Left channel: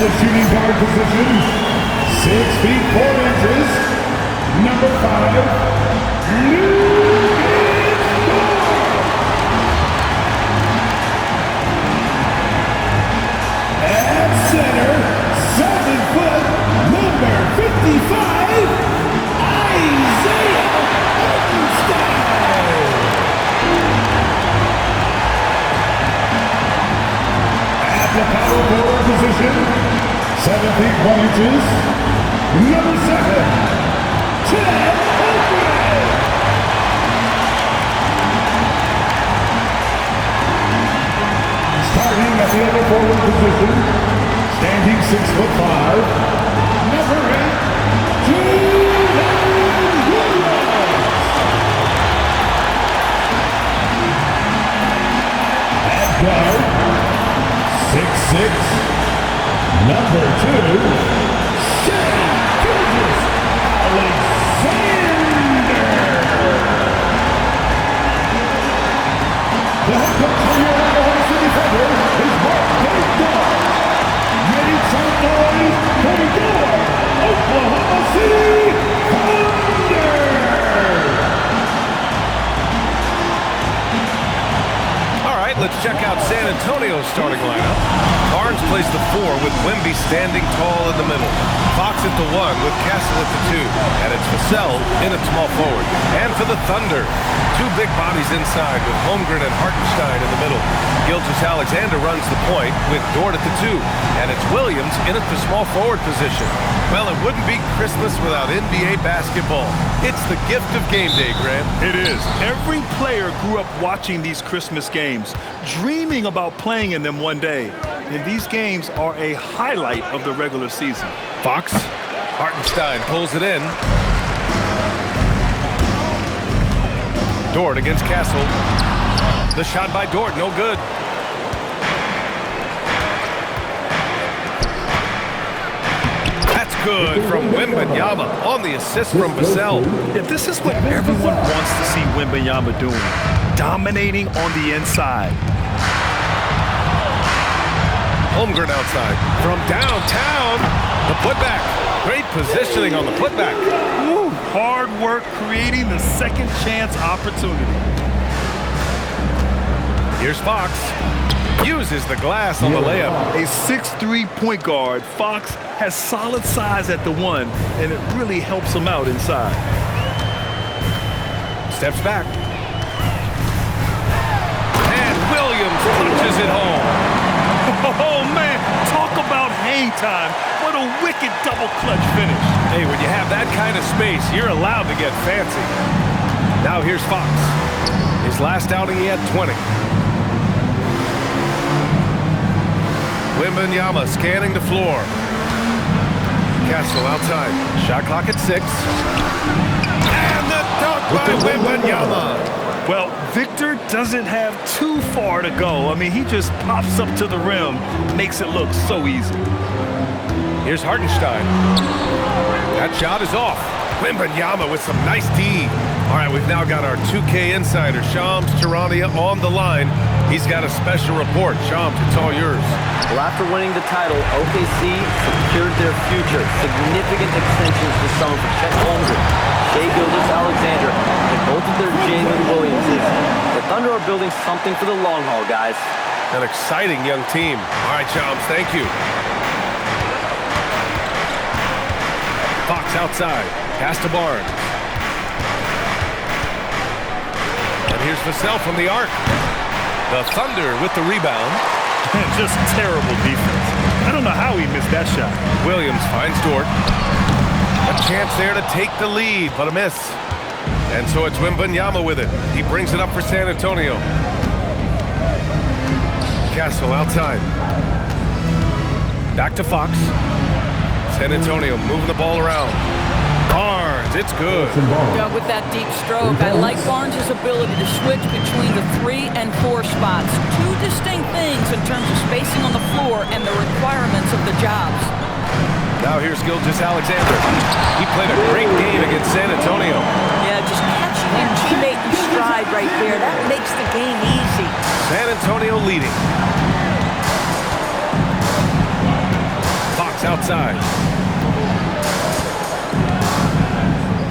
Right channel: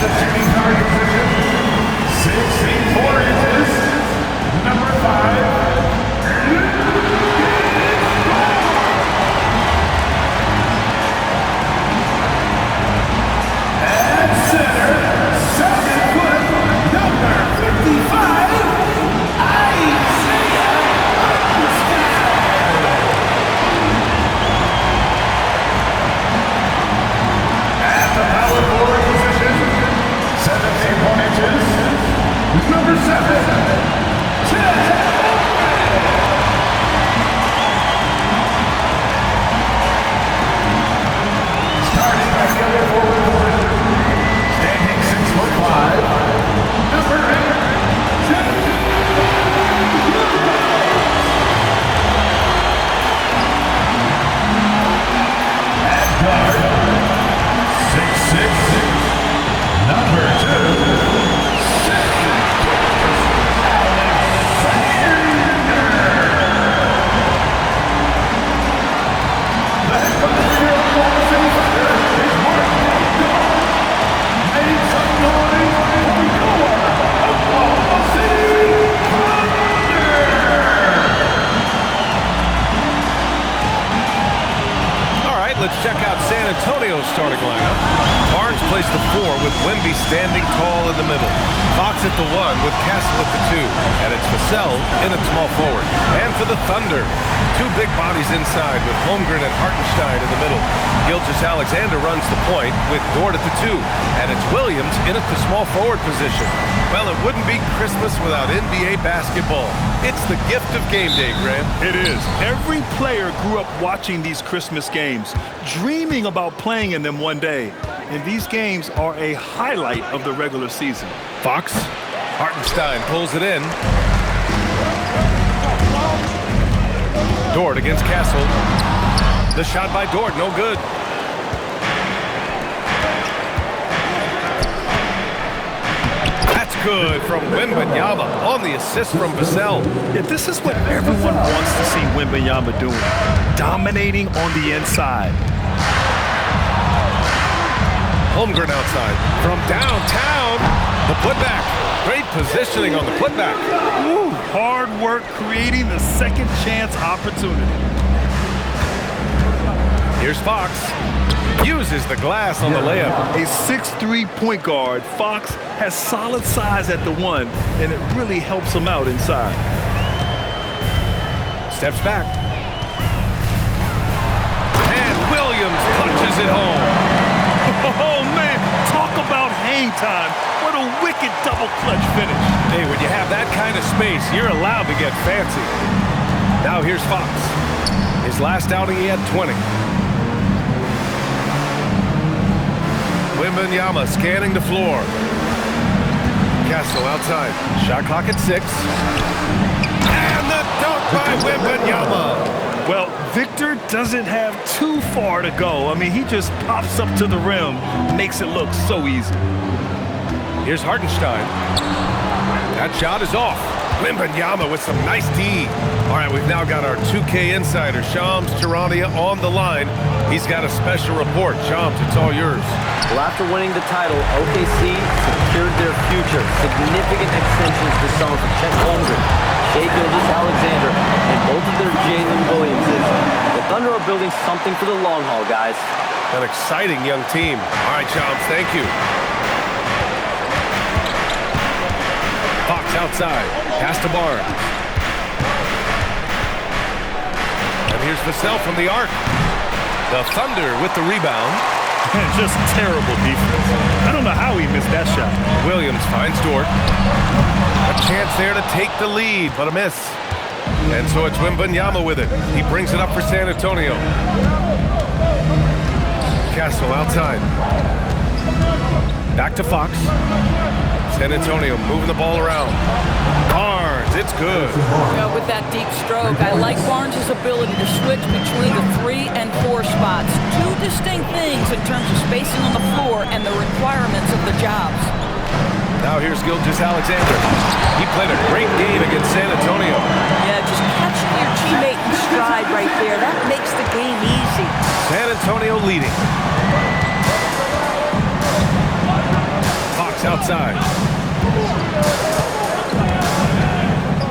the shooting guard position, 6 feet 4 inches, number 5, at center, 7 foot, number 55, Isaiah Hartenstein. At the power forward position, 7 feet 1 inches, number 7, Ted Oakwood. Starting at the other forward position, standing 6'5", number 8, Jalen Williams. At guard, 6'6", number 2, Shea Alexander. The head coach for your Oklahoma City Thunder is Mark Davis. Make some noise for your Oklahoma City Thunder. All right, let's check out San Antonio's starting lineup. Barnes plays the 4 with Wemby standing tall in the middle. Fox at the 1 with Castle at the 2. And it's Vassell in at small forward. And for the Thunder, 2 big bodies inside with Holmgren and Hartenstein in the middle. Gilgeous-Alexander runs the point with Dort at the 2. And it's Williams in at the small forward position. Well, it wouldn't be Christmas without NBA basketball. It's the gift of game day, Grant. It is. Every player grew up watching these Christmas games, dreaming about playing in them one day. And these games are a highlight of the regular season. Fox, Hartenstein pulls it in. Dort against Castle. The shot by Dort, no good. That's good from Wembanyama on the assist from Vassell. Yeah, this is what everyone wants to see Wembanyama doing, dominating on the inside. Holmgren outside from downtown. The putback. Great positioning on the putback. Ooh, hard work creating the second chance opportunity. Here's Fox. Uses the glass on the layup. A 6'3" point guard, Fox has solid size at the 1, and it really helps him out inside. Steps back. And Williams punches it home. Oh, man, talk about hang time. What a wicked double clutch finish. Hey, when you have that kind of space, you're allowed to get fancy. Now here's Fox. His last outing, he had 20. Wembanyama scanning the floor. Castle outside. Shot clock at 6. And the dunk by Wembanyama. Well, Victor doesn't have too far to go. I mean, he just pops up to the rim, makes it look so easy. Here's Hartenstein. That shot is off. Wembanyama with some nice D. All right, we've now got our 2K insider, Shams Charania, on the line. He's got a special report. Shams, it's all yours. Well, after winning the title, OKC secured their future. Significant extensions this summer for Chet Holmgren, Shea Gilgeous-Alexander, and both of their Jalen Williamses. The Thunder are building something for the long haul, guys. An exciting young team. All right, Shams, thank you. Fox outside. Pass to Barnes. And here's Vassell from the arc. The Thunder with the rebound. And just terrible defense. I don't know how he missed that shot. Williams finds Dort. A chance there to take the lead, but a miss. And so it's Wembanyama with it. He brings it up for San Antonio. Castle outside. Back to Fox. San Antonio moving the ball around. Barnes, it's good. Yeah, with that deep stroke, I like Barnes' ability to switch between the 3 and 4 spots. 2 distinct things in terms of spacing on the floor and the requirements of the jobs. Now here's Gilgeous-Alexander. He played a great game against San Antonio. Yeah, just catching your teammate in stride right there, that makes the game easy. San Antonio leading. Fox outside.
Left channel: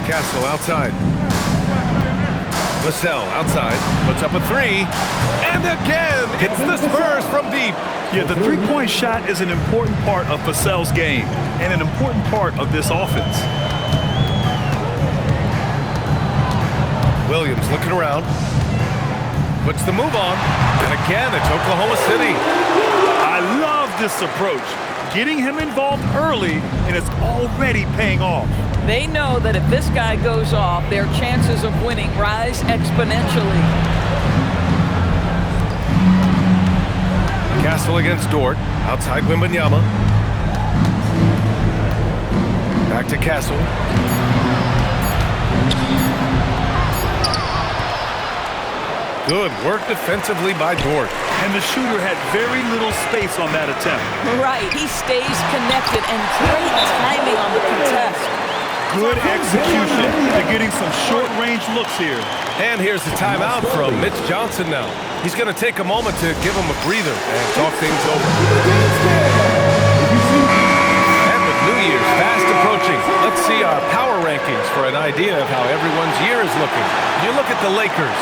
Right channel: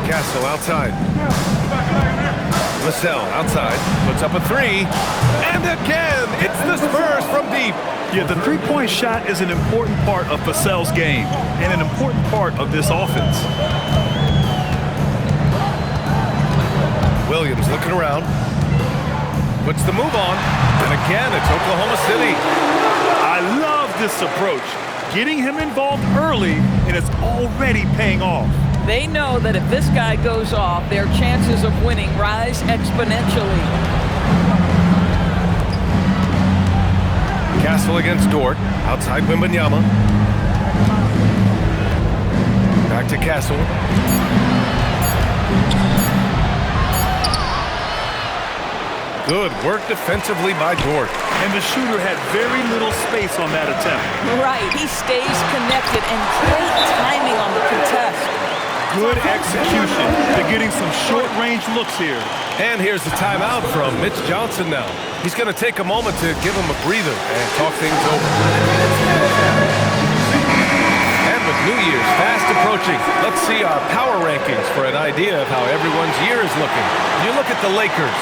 Castle outside. Vassell outside, puts up a three, and again, hits the Spurs from deep. Yeah, the three-point shot is an important part of Vassell's game and an important part of this offense. Williams looking around, puts the move on, and again, it's Oklahoma City. I love this approach, getting him involved early, and it's already paying off. They know that if this guy goes off, their chances of winning rise exponentially. Castle against Dort, outside Wembanyama. Back to Castle. Good work defensively by Dort. And the shooter had very little space on that attempt. Right, he stays connected and great timing on the contest. Good execution to getting some short-range looks here. And here's the timeout from Mitch Johnson now. He's going to take a moment to give him a breather and talk things over. And with New Year's fast approaching, let's see our power rankings for an idea of how everyone's year is looking. You look at the Lakers.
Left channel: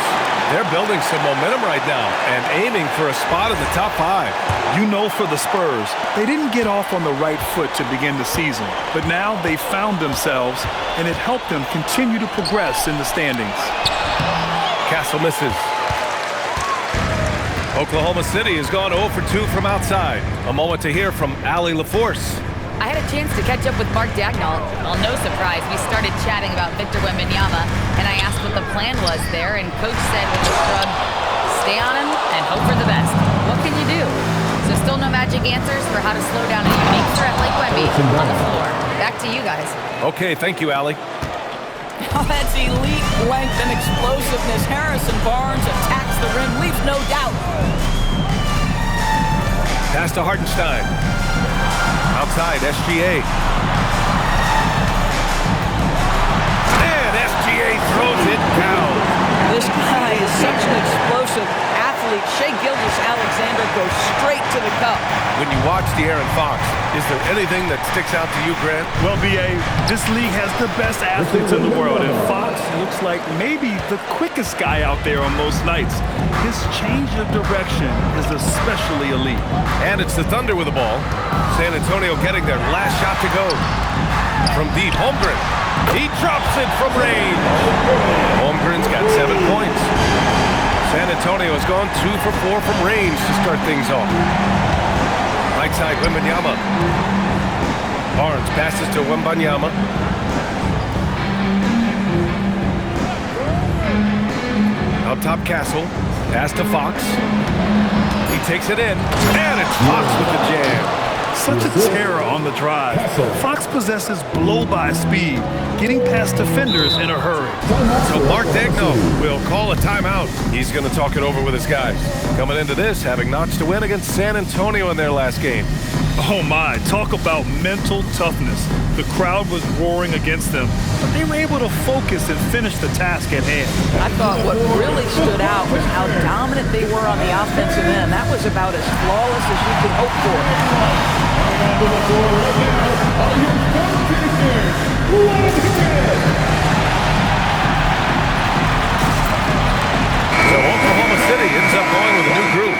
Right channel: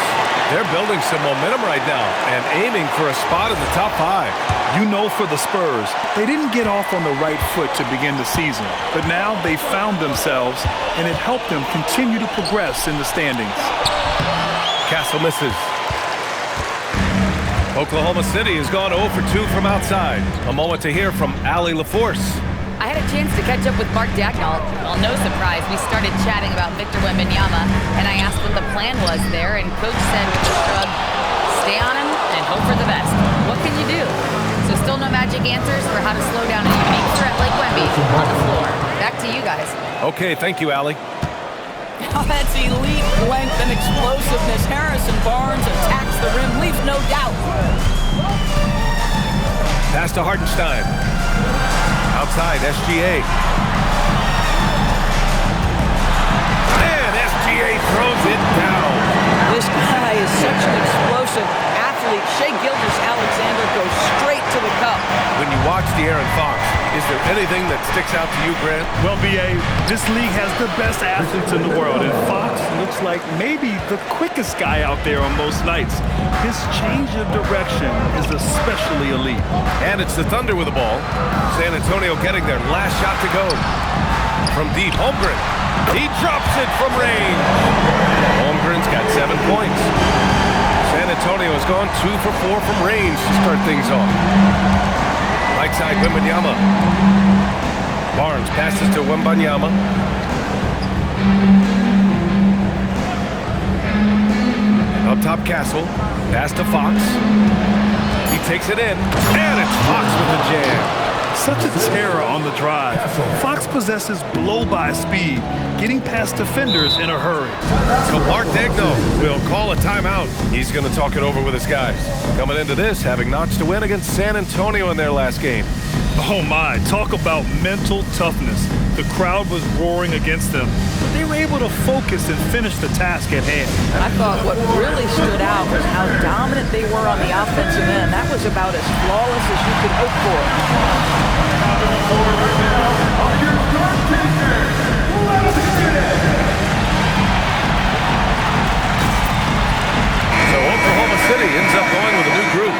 They're building some momentum right now and aiming for a spot in the top 5. You know, for the Spurs, they didn't get off on the right foot to begin the season, but now they found themselves, and it helped them continue to progress in the standings. Castle misses. Oklahoma City has gone 0 for 2 from outside. A moment to hear from Allie LaForce. I had a chance to catch up with Mark Dagnall. Well, no surprise, we started chatting about Victor Wembanyama, and I asked what the plan was there, and Coach said with a shrug, stay on him and hope for the best. What can you do? So still no magic answers for how to slow down a unique threat like Wemby on the floor. Back to you guys. Okay, thank you, Allie. Oh, that's elite length and explosiveness. Harrison Barnes attacks the rim, leaves no doubt. Pass to Hartenstein. Outside, SGA. And SGA throws it down. This guy is such an explosive athlete. Shai Gilgeous-Alexander goes straight to the cup. When you watch De'Aaron Fox, is there anything that sticks out to you, Grant? Well, B.A., this league has the best athletes in the world, and Fox looks like maybe the quickest guy out there on most nights. His change of direction is especially elite. And it's the Thunder with the ball. San Antonio getting their last shot to go. From deep, Holmgren. He drops it from range. Holmgren's got 7 points. San Antonio has gone 2 for 4 from range to start things off. Right side, Wembanyama. Barnes passes to Wembanyama. Up top, Castle. Pass to Fox. He takes it in, and it's Fox with the jam. Such a terror on the drive. Fox possesses blow-by speed, getting past defenders in a hurry. So Mark Dagnall will call a timeout. He's going to talk it over with his guys. Coming into this, having notched a win against San Antonio in their last game. Oh my, talk about mental toughness. The crowd was roaring against them, but they were able to focus and finish the task at hand. I thought what really stood out was how dominant they were on the offensive end. That was about as flawless as you could hope for. On the floor right now are your star chasers. Let's begin. So Oklahoma City ends up going with a new group.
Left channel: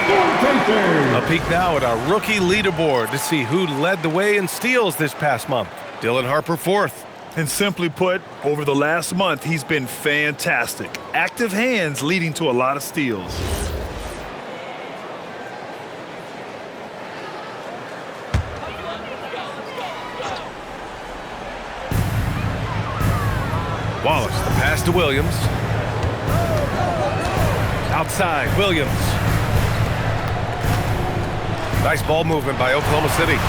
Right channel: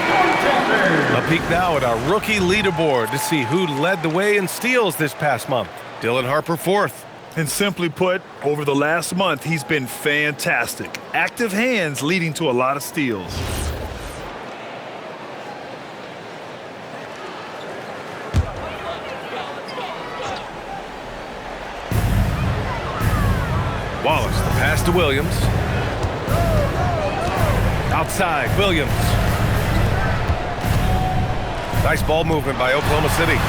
A peek now at our rookie leaderboard to see who led the way in steals this past month. Dylan Harper 4th. And simply put, over the last month, he's been fantastic. Active hands leading to a lot of steals. Wallace, the pass to Williams. Outside, Williams. Nice ball movement by Oklahoma City.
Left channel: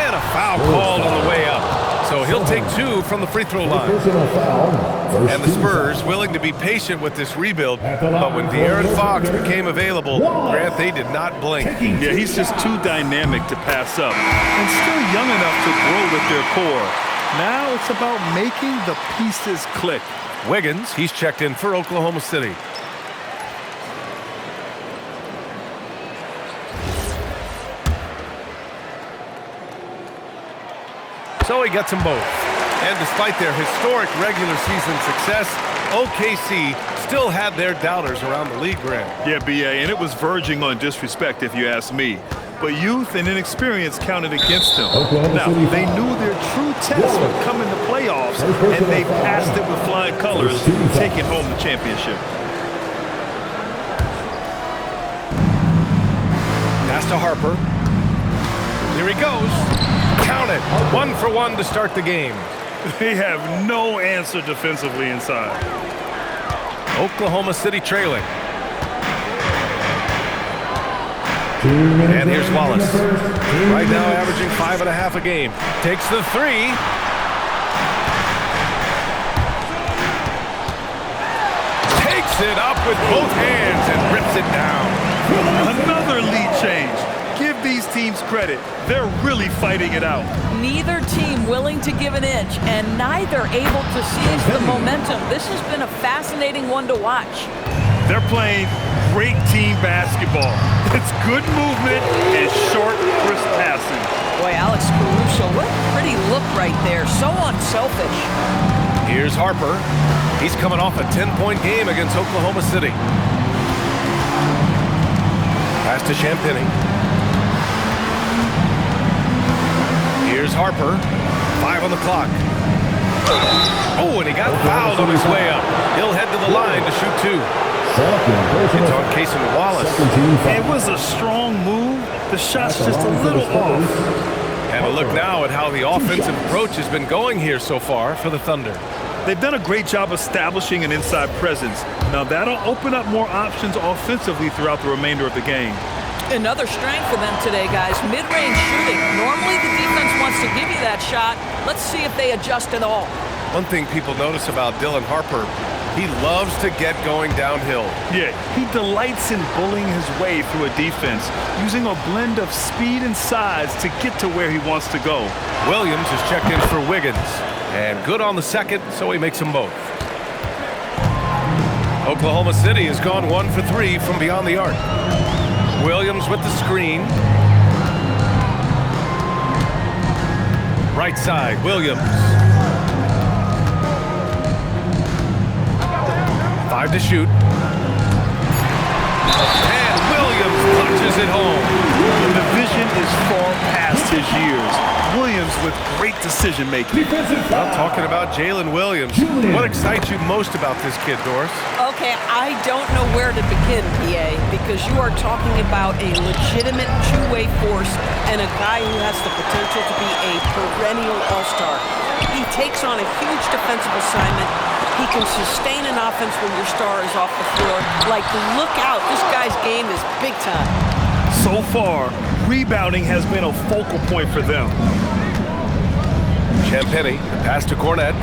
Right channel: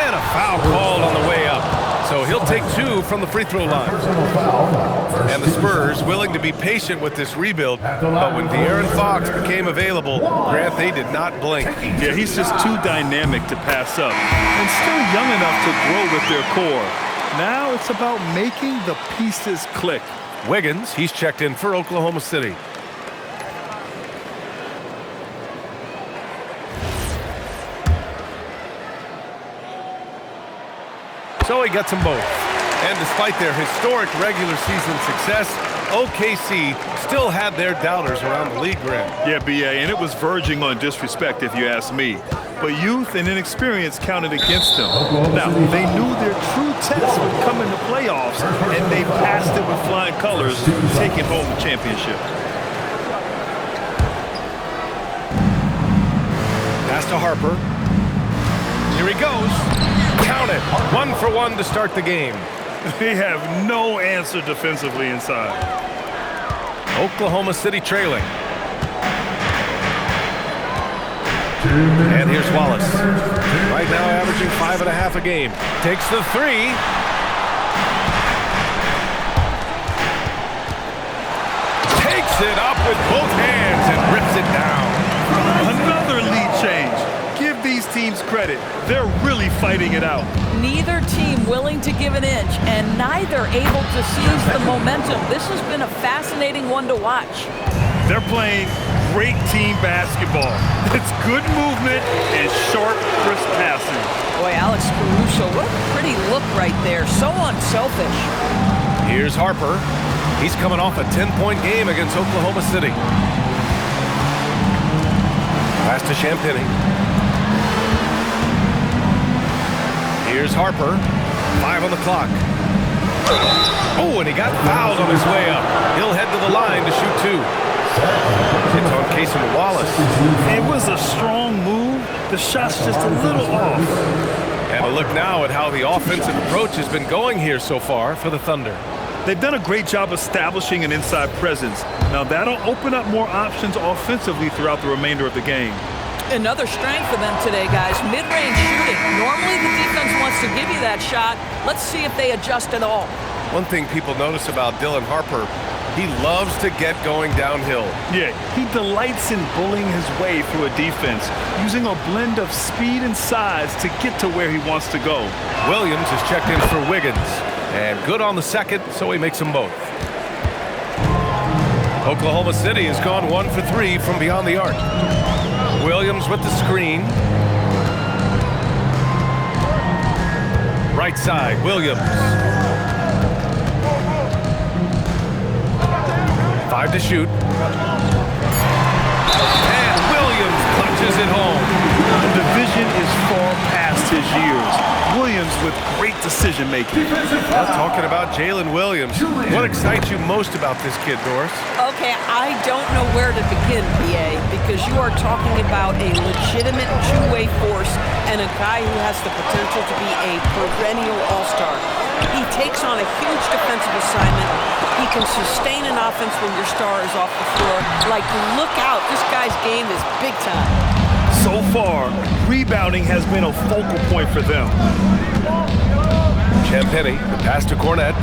And a foul called on the way up. So he'll take 2 from the free throw line. And the Spurs willing to be patient with this rebuild. But when De'Aaron Fox became available, Grant, they did not blink. Yeah, he's just too dynamic to pass up. And still young enough to grow with their core. Now it's about making the pieces click. Wiggins, he's checked in for Oklahoma City. So he gets them both. And despite their historic regular season success, OKC still had their doubters around the league, Grant. Yeah, BA, and it was verging on disrespect if you ask me. But youth and inexperience counted against them. Now, they knew their true test would come in the playoffs, and they passed it with flying colors, taking home the championship. Pass to Harper. Here he goes. Count it. 1 for 1 to start the game. They have no answer defensively inside. Oklahoma City trailing. And here's Wallace. Right now averaging 5.5 a game. Takes the 3. Takes it up with both hands and rips it down. Another lead change. Give these teams credit. They're really fighting it out. Neither team willing to give an inch, and neither able to seize the momentum. This has been a fascinating one to watch. They're playing great team basketball. It's good movement and sharp, crisp passing. Boy, Alex Caruso, what a pretty look right there. So unselfish. Here's Harper. He's coming off a 10-point game against Oklahoma City. Pass to Champagnie. Here's Harper. 5 on the clock. Oh, and he got fouled on his way up. He'll head to the line to shoot 2. It's on Cason Wallace. It was a strong move. The shot's just a little off. And a look now at how the offensive approach has been going here so far for the Thunder. They've done a great job establishing an inside presence. Now that'll open up more options offensively throughout the remainder of the game. Another strength for them today, guys. Mid-range shooting. Normally the defense wants to give you that shot. Let's see if they adjust at all. One thing people notice about Dylan Harper, he loves to get going downhill. Yeah, he delights in bullying his way through a defense, using a blend of speed and size to get to where he wants to go. Williams is checked in for Wiggins. And good on the second, so he makes them both. Oklahoma City has gone 1 for 3 from beyond the arc. Williams with the screen. Right side, Williams. 5 to shoot. And Williams punches it home. And the vision is far past his years. Williams with great decision-making. Well, talking about Jalen Williams, what excites you most about this kid, Doris? Okay, I don't know where to begin, PA, because you are talking about a legitimate two-way force and a guy who has the potential to be a perennial all-star. He takes on a huge defensive assignment. He can sustain an offense when your star is off the floor. Like, look out, this guy's game is big time. So far, rebounding has been a focal point for them. Champagnie, the pass to Cornette.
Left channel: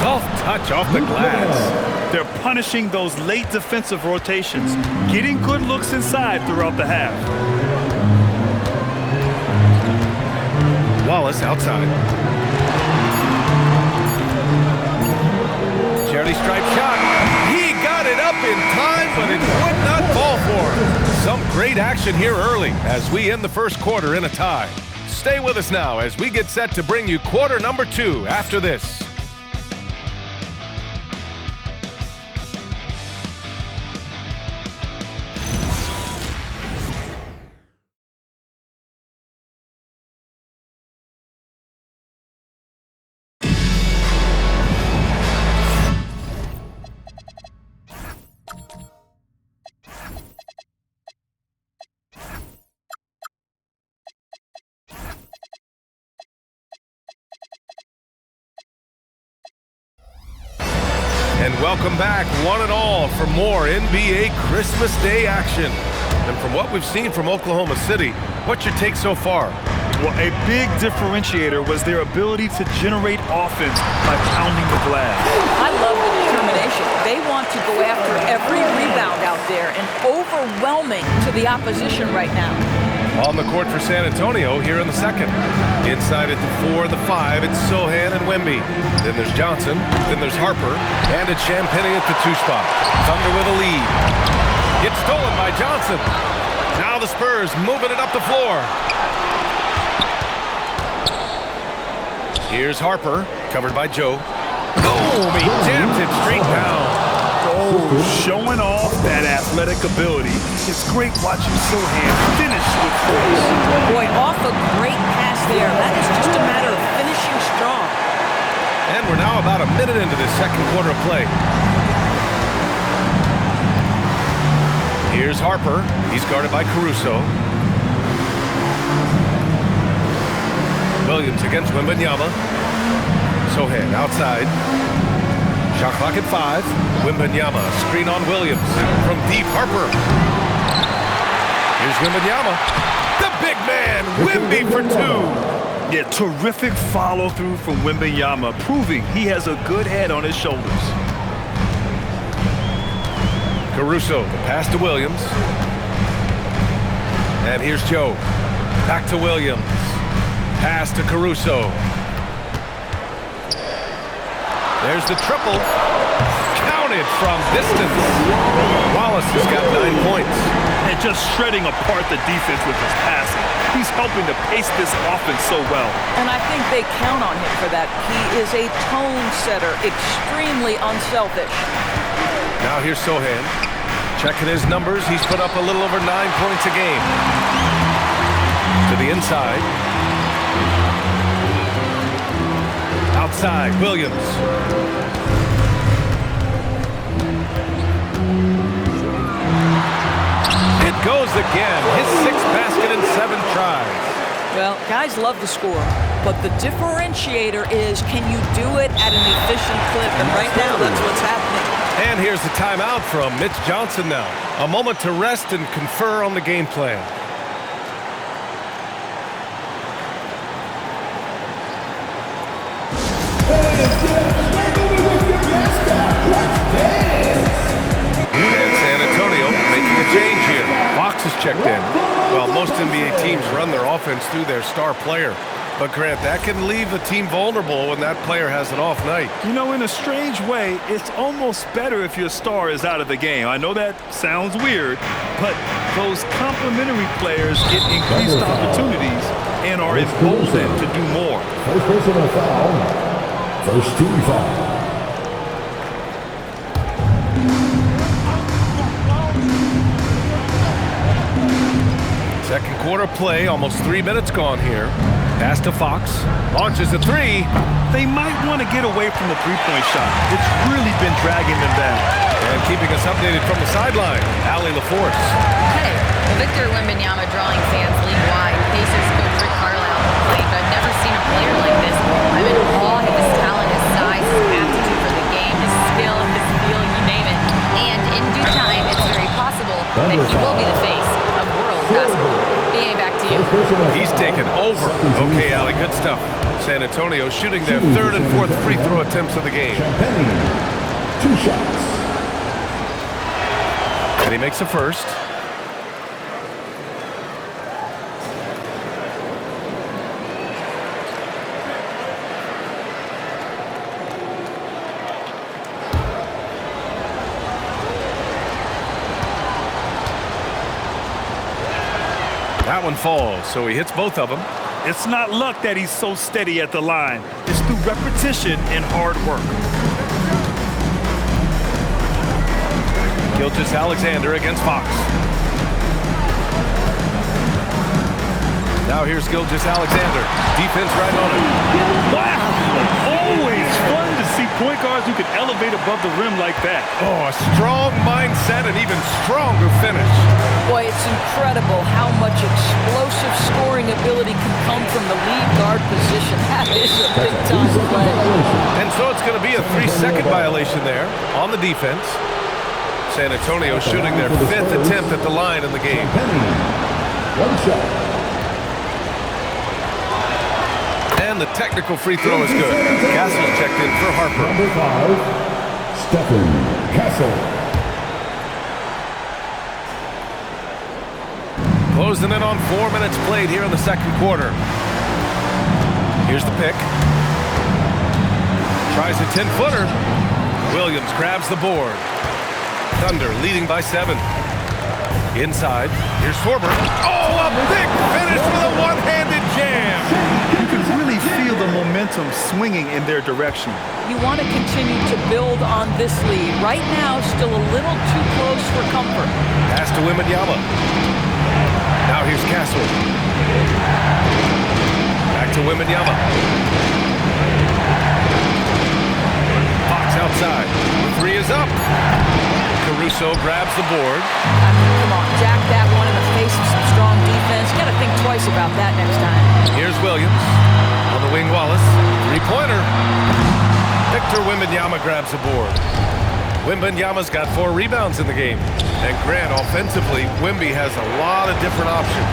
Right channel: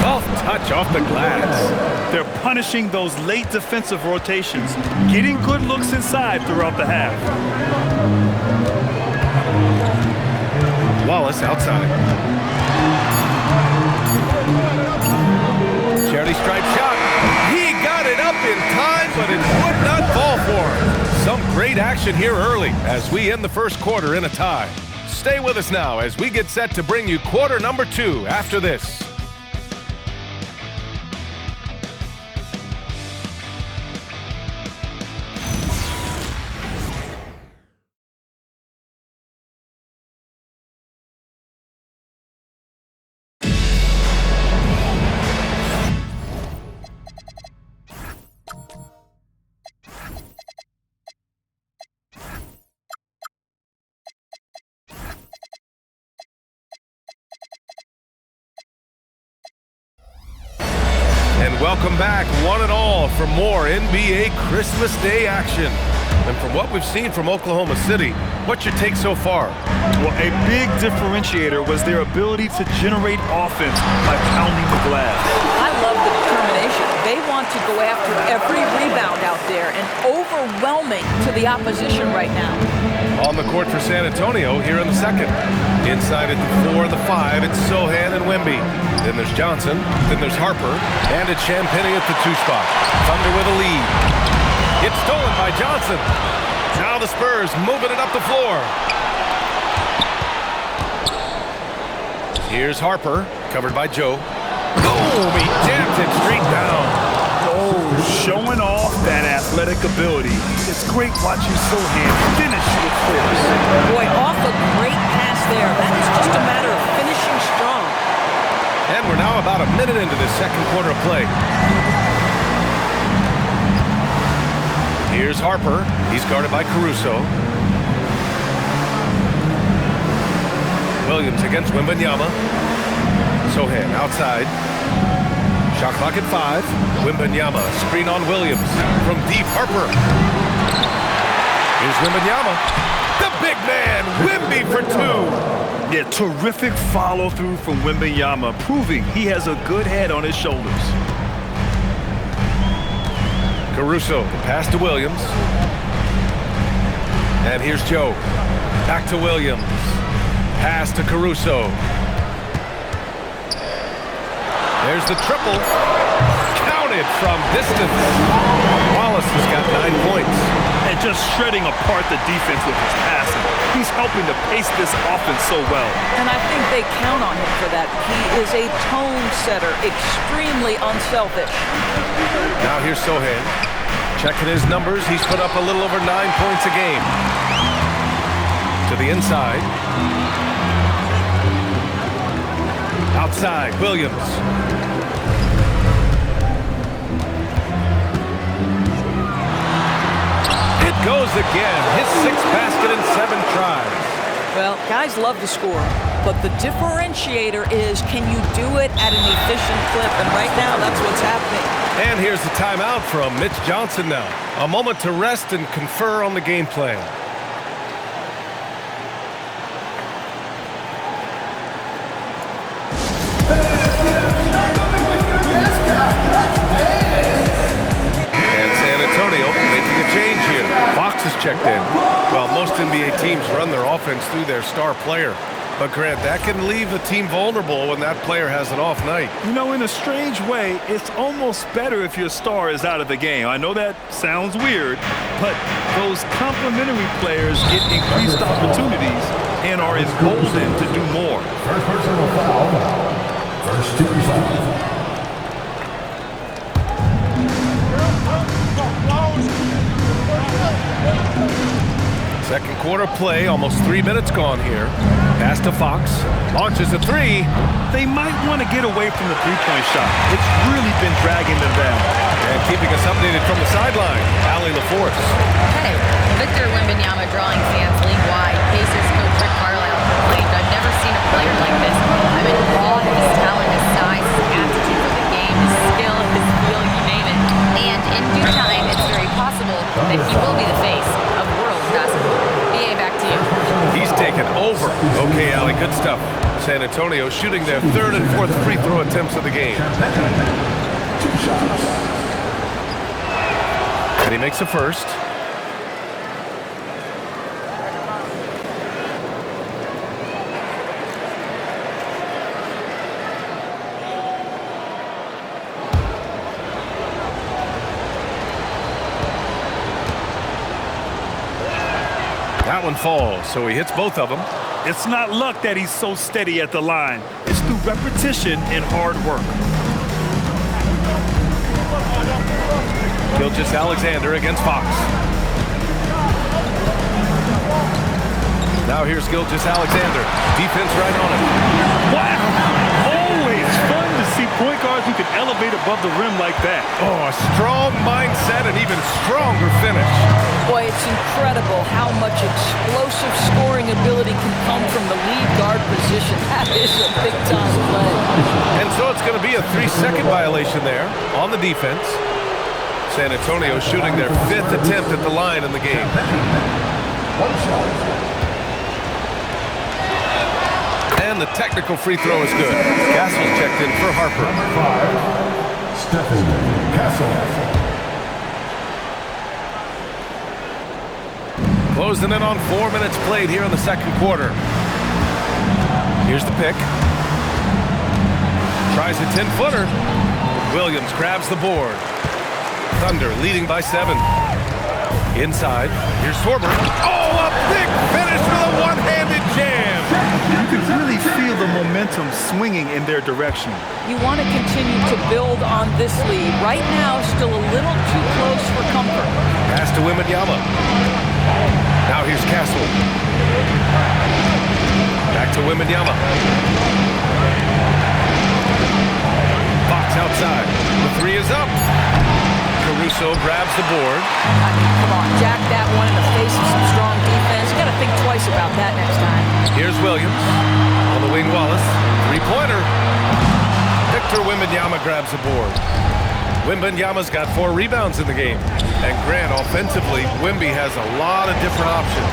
Soft touch off the glass. They're punishing those late defensive rotations, getting good looks inside throughout the half. Wallace outside. Charity stripe shot. He got it up in time, but it would not fall for him. Some great action here early as we end the first quarter in a tie. Stay with us now as we get set to bring you quarter number 2 after this. And welcome back, one and all, for more NBA Christmas Day action. And from what we've seen from Oklahoma City, what's your take so far? Well, a big differentiator was their ability to generate offense by pounding the glass. I love the determination. They want to go after every rebound out there and overwhelming to the opposition right now. On the court for San Antonio here in the second. Inside at the 4, the 5, it's Sohan and Wemby. Then there's Johnson, then there's Harper, and it's Champagnie at the 2 spot. Thunder with a lead. It's stolen by Johnson. Now the Spurs moving it up the floor. Here's Harper, covered by Joe. Boom! He jams it straight down. Oh, showing off that athletic ability. It's great watching Sohan finish with force. Boy, off a great pass there. That is just a matter of finishing strong. And we're now about a minute into the second quarter of play. Here's Harper. He's guarded by Caruso. Williams against Wembanyama. Sohan outside. Shot clock at 5. Wembanyama, screen on Williams. From deep, Harper. Here's Wembanyama. The big man, Wemby for 2. Yeah, terrific follow-through from Wembanyama, proving he has a good head on his shoulders. Caruso, the pass to Williams. And here's Joe. Back to Williams. Pass to Caruso. There's the triple. Counted from distance. Wallace has got 9 points. And just shredding apart the defense with his passing. He's helping to pace this offense so well. And I think they count on him for that. He is a tone setter, extremely unselfish. Now here's Sohan. Checking his numbers. He's put up a little over 9 points a game. To the inside. Outside, Williams. It goes again. His 6th basket in 7 tries. Well, guys love to score, but the differentiator is, can you do it at an efficient clip? And right now, that's what's happening. And here's the timeout from Mitch Johnson now. A moment to rest and confer on the game plan. Making a change here. Fox is checked in. Well, most NBA teams run their offense through their star player. But Grant, that can leave a team vulnerable when that player has an off night. You know, in a strange way, it's almost better if your star is out of the game. I know that sounds weird, but those complementary players get increased opportunities and are emboldened to do more. First personal foul. First team foul. Second quarter play, almost 3 minutes gone here. Pass to Fox, launches a 3. They might want to get away from the three-point shot. It's really been dragging them down. And keeping us updated from the sideline, Allie LaForce. Hey, Victor Wembanyama drawing fans league-wide. Pacers coach Rick Carlisle proclaimed, "I've never seen a player like this. I'm in awe of his talent, his size, his aptitude for the game, his skill, his feel, you name it. And in due time, it's very possible that he will be the face of world basketball." BA, back to you. He's taken over. Okay, Allie, good stuff. San Antonio shooting their 3rd and 4th free throw attempts of the game. 2 shots. And he makes the first. That one falls, so he hits both of them. It's not luck that he's so steady at the line. It's through repetition and hard work. Gilgeous-Alexander against Fox. Now here's Gilgeous-Alexander. Defense right on him. Wow! Always fun to see point guards who can elevate above the rim like that. Oh, a strong mindset and even stronger finish. Boy, it's incredible how much explosive scoring ability can come from the lead guard position. That is a big-time play. And so it's going to be a 3-second violation there on the defense. San Antonio shooting their 5th attempt at the line in the game. 1 shot. And the technical free throw is good. Castle's checked in for Harper. Number 5, Stephen Castle. Closing in on 4 minutes played here in the second quarter. Here's the pick. Tries a 10-footer. Williams grabs the board. Thunder leading by 7. Inside, here's Sorber. Oh, a big finish with a one-handed jam. You can really feel the momentum swinging in their direction. You want to continue to build on this lead. Right now, still a little too close for comfort. Pass to Wembanyama. Now here's Castle. Back to Wembanyama. Fox outside. The three is up. Caruso grabs the board. I mean, come on, jack that one in the face of some strong defense. You got to think twice about that next time. Here's Williams. On the wing, Wallace. Three-pointer. Victor Wembanyama grabs the board. Wembanyama's got 4 rebounds in the game. And Grant, offensively, Wemby has a lot of different options.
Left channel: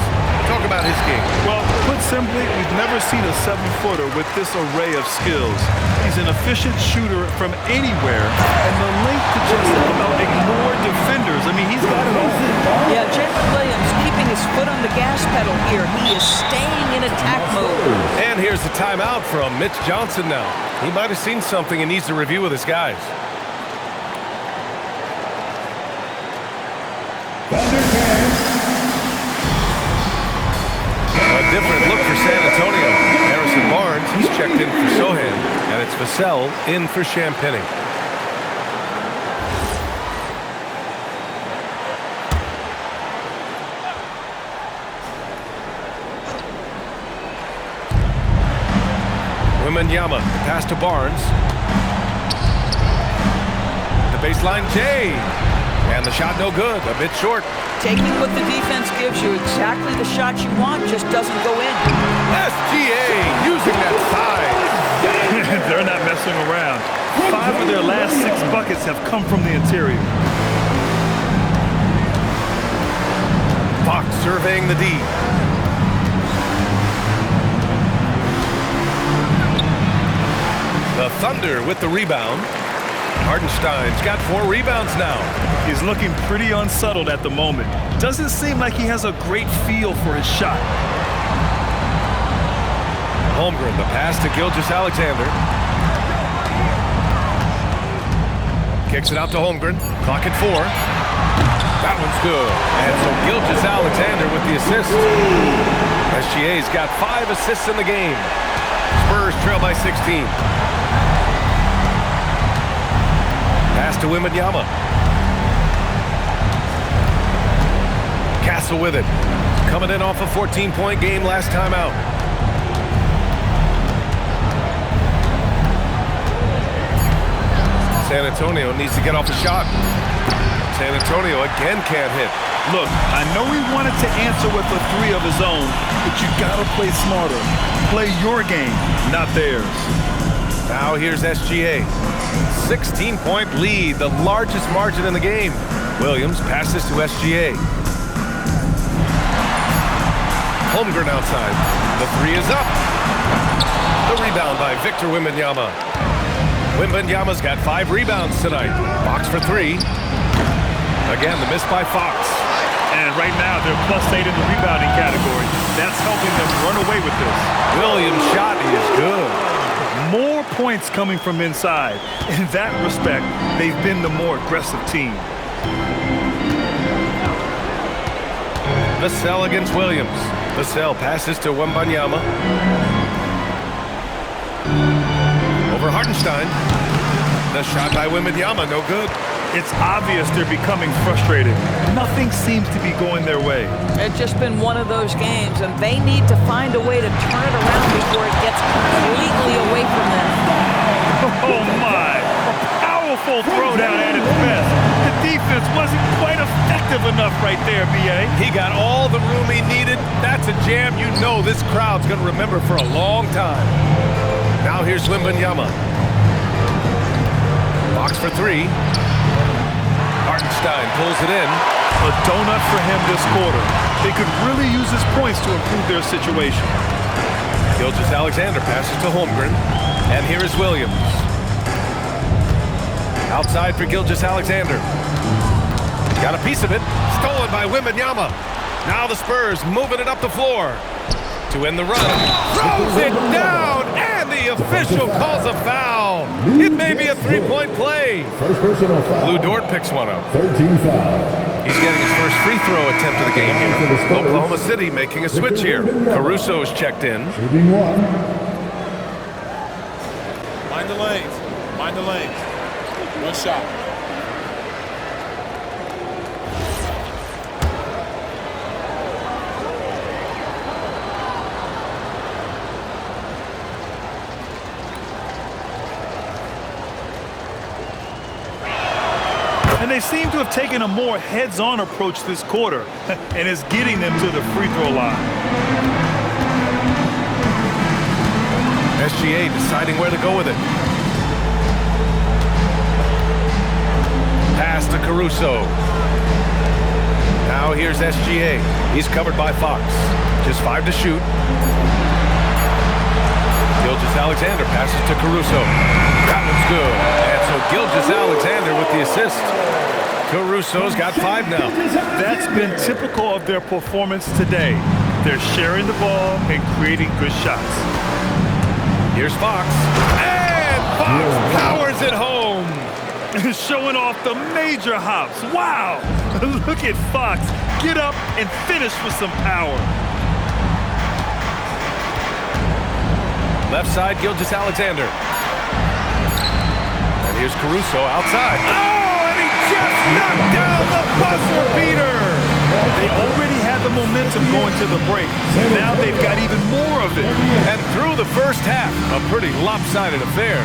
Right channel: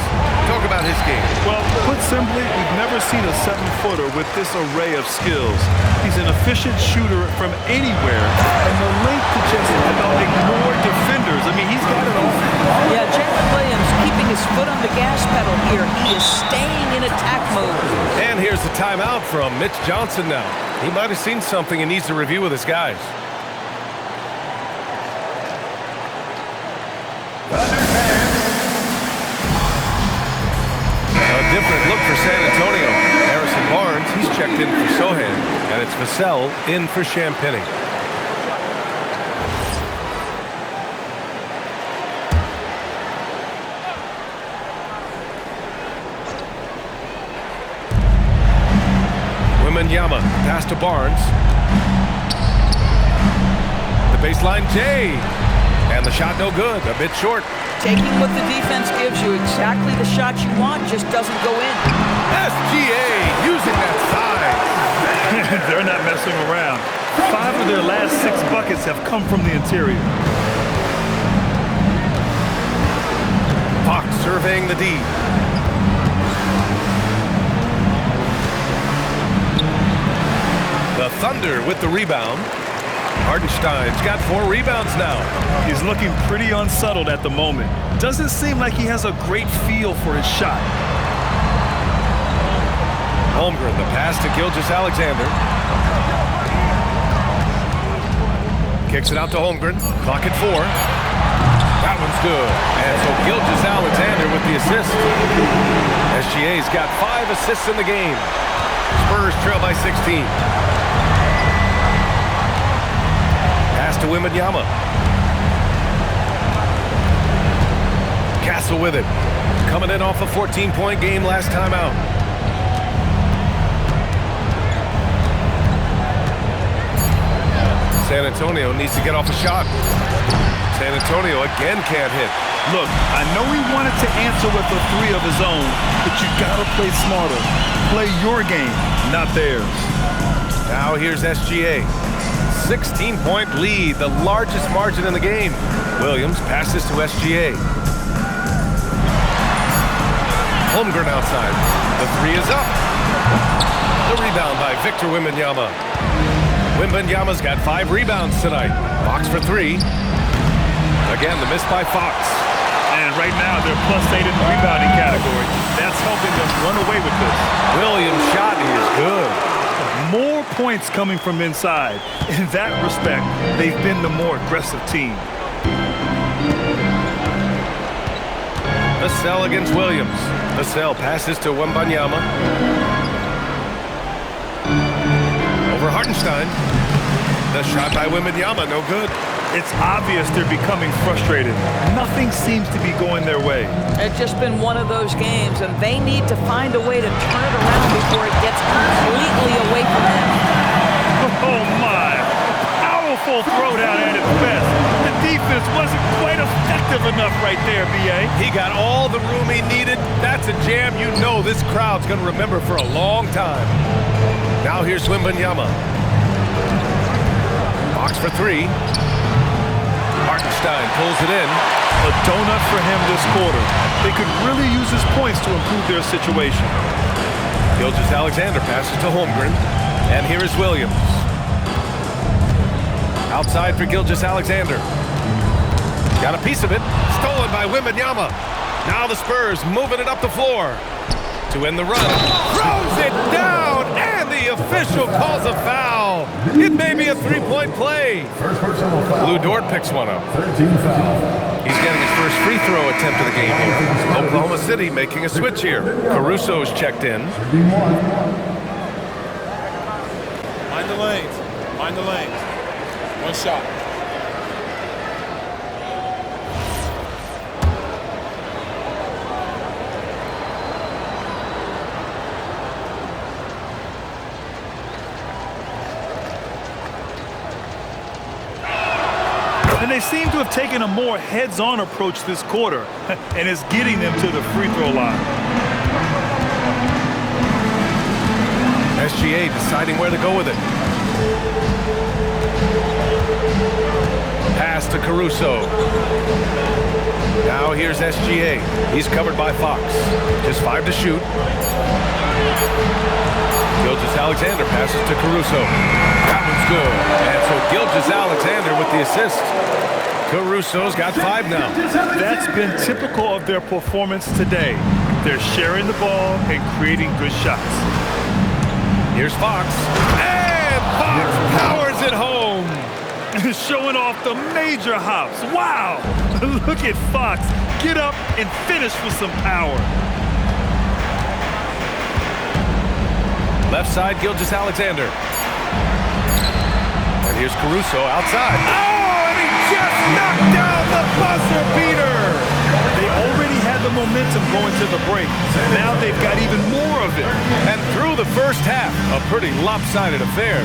Talk about his game. Well, put simply, we've never seen a 7-footer with this array of skills. He's an efficient shooter from anywhere, and the link to just about ignore defenders. I mean, he's got it all. Yeah, Jalen Williams keeping his foot on the gas pedal here. He is staying in attack mode. And here's the timeout from Mitch Johnson now. He might have seen something and needs to review with his guys. A different look for San Antonio. Harrison Barnes, he's checked in for Sohan, and it's Vassell in for Champagny. Wembanyama, pass to Barnes. The baseline, Jay. And the shot no good, a bit short. Taking what the defense gives you, exactly the shot you want, just doesn't go in. SGA using that size. They're not messing around. 5 of their last 6 buckets have come from the interior. Fox surveying the D. The Thunder with the rebound. Hardenstein's got 4 rebounds now. He's looking pretty unsettled at the moment. Doesn't seem like he has a great feel for his shot. Holmgren, the pass to Gilgeous-Alexander. Kicks it out to Holmgren. Clock at 4. That one's good. And so Gilgeous-Alexander with the assist. SGA's got 5 assists in the game. Spurs trail by 16. Pass to Wembanyama. Castle with it. Coming in off a 14-point game last time out. San Antonio needs to get off a shot. San Antonio again can't hit. Look, I know he wanted to answer with a 3 of his own, but you gotta play smarter. Play your game, not theirs. Now here's SGA. 16-point lead, the largest margin in the game. Williams passes to SGA. Holmgren outside. The 3 is up. The rebound by Victor Wembanyama. Wembanyama's got 5 rebounds tonight. Fox for 3. Again, the miss by Fox. And right now, they're +8 in the rebounding category. That's helping them run away with this. Williams' shot is good. More points coming from inside. In that respect, they've been the more aggressive team. Vassell against Williams. Vassell passes to Wembanyama. Over Hartenstein. The shot by Wembanyama, no good. It's obvious they're becoming frustrated. Nothing seems to be going their way. It's just been one of those games, and they need to find a way to turn it around before it gets completely away from them. Oh, my. A powerful throwdown at its best. The defense wasn't quite effective enough right there, B.A. He got all the room he needed. That's a jam you know this crowd's going to remember for a long time. Now here's Wembanyama. Fox for 3. Hartenstein pulls it in. A donut for him this quarter. They could really use his points to improve their situation. Gilgeous-Alexander passes to Holmgren. And here is Williams. Outside for Gilgeous-Alexander. Got a piece of it. Stolen by Wembanyama. Now the Spurs moving it up the floor. To end the run. Throws it down, and the official calls a foul. It may be a 3-point play. First personal foul. Lou Dort picks one up. 13 foul. He's getting his first free throw attempt of the game here. Oklahoma City making a switch here. Caruso's checked in. Shooting 1. Mind the lanes. Mind the lanes. One shot. And they seem to have taken a more heads-on approach this quarter, and it's getting them to the free throw line. SGA deciding where to go with it. Pass to Caruso. Now here's SGA. He's covered by Fox. Just 5 to shoot. Gilgeous-Alexander passes to Caruso. That one's good. And so Gilgeous-Alexander with the assist. Caruso's got 5 now. That's been typical of their performance today. They're sharing the ball and creating good shots. Here's Fox. And Fox powers it home. Showing off the major hops. Wow! Look at Fox. Get up and finish with some power. Left side, Gilgeous-Alexander. And here's Caruso outside. Oh, and he just knocked down the buzzer beater. They already had the momentum going to the break. Now they've got even more of it. And through the first half, a pretty lopsided affair.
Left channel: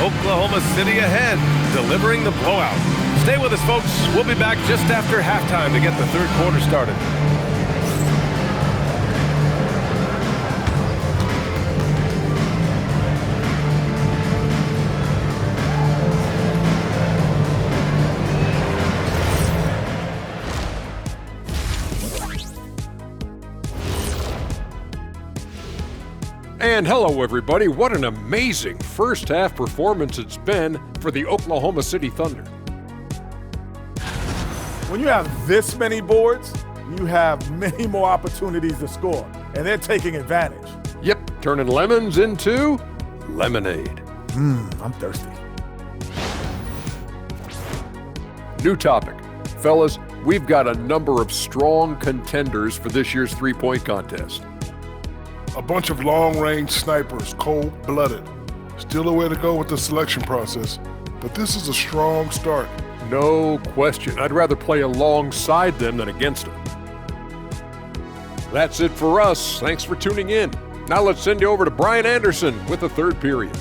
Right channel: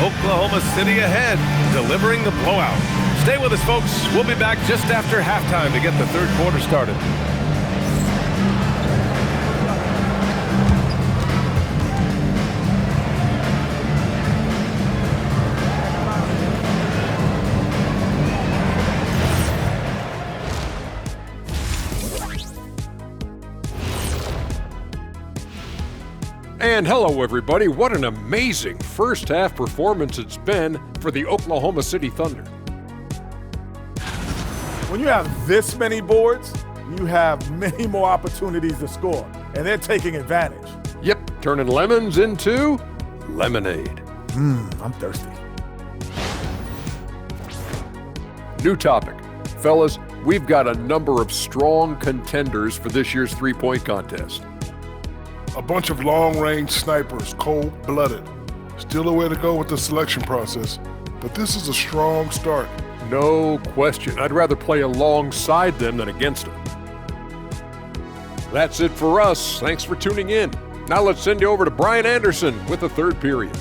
Oklahoma City ahead, delivering the blowout. Stay with us, folks. We'll be back just after halftime to get the third quarter started. And hello, everybody. What an amazing first half performance it's been for the Oklahoma City Thunder. When you have this many boards, you have many more opportunities to score, and they're taking advantage. Yep, turning lemons into lemonade. I'm thirsty. New topic. Fellas, we've got a number of strong contenders for this year's three-point contest. A bunch of long-range snipers, cold-blooded. Still a way to go with the selection process, but this is a strong start. No question. I'd rather play alongside them than against them. That's it for us. Thanks for tuning in. Now let's send you over to Brian Anderson with the third period.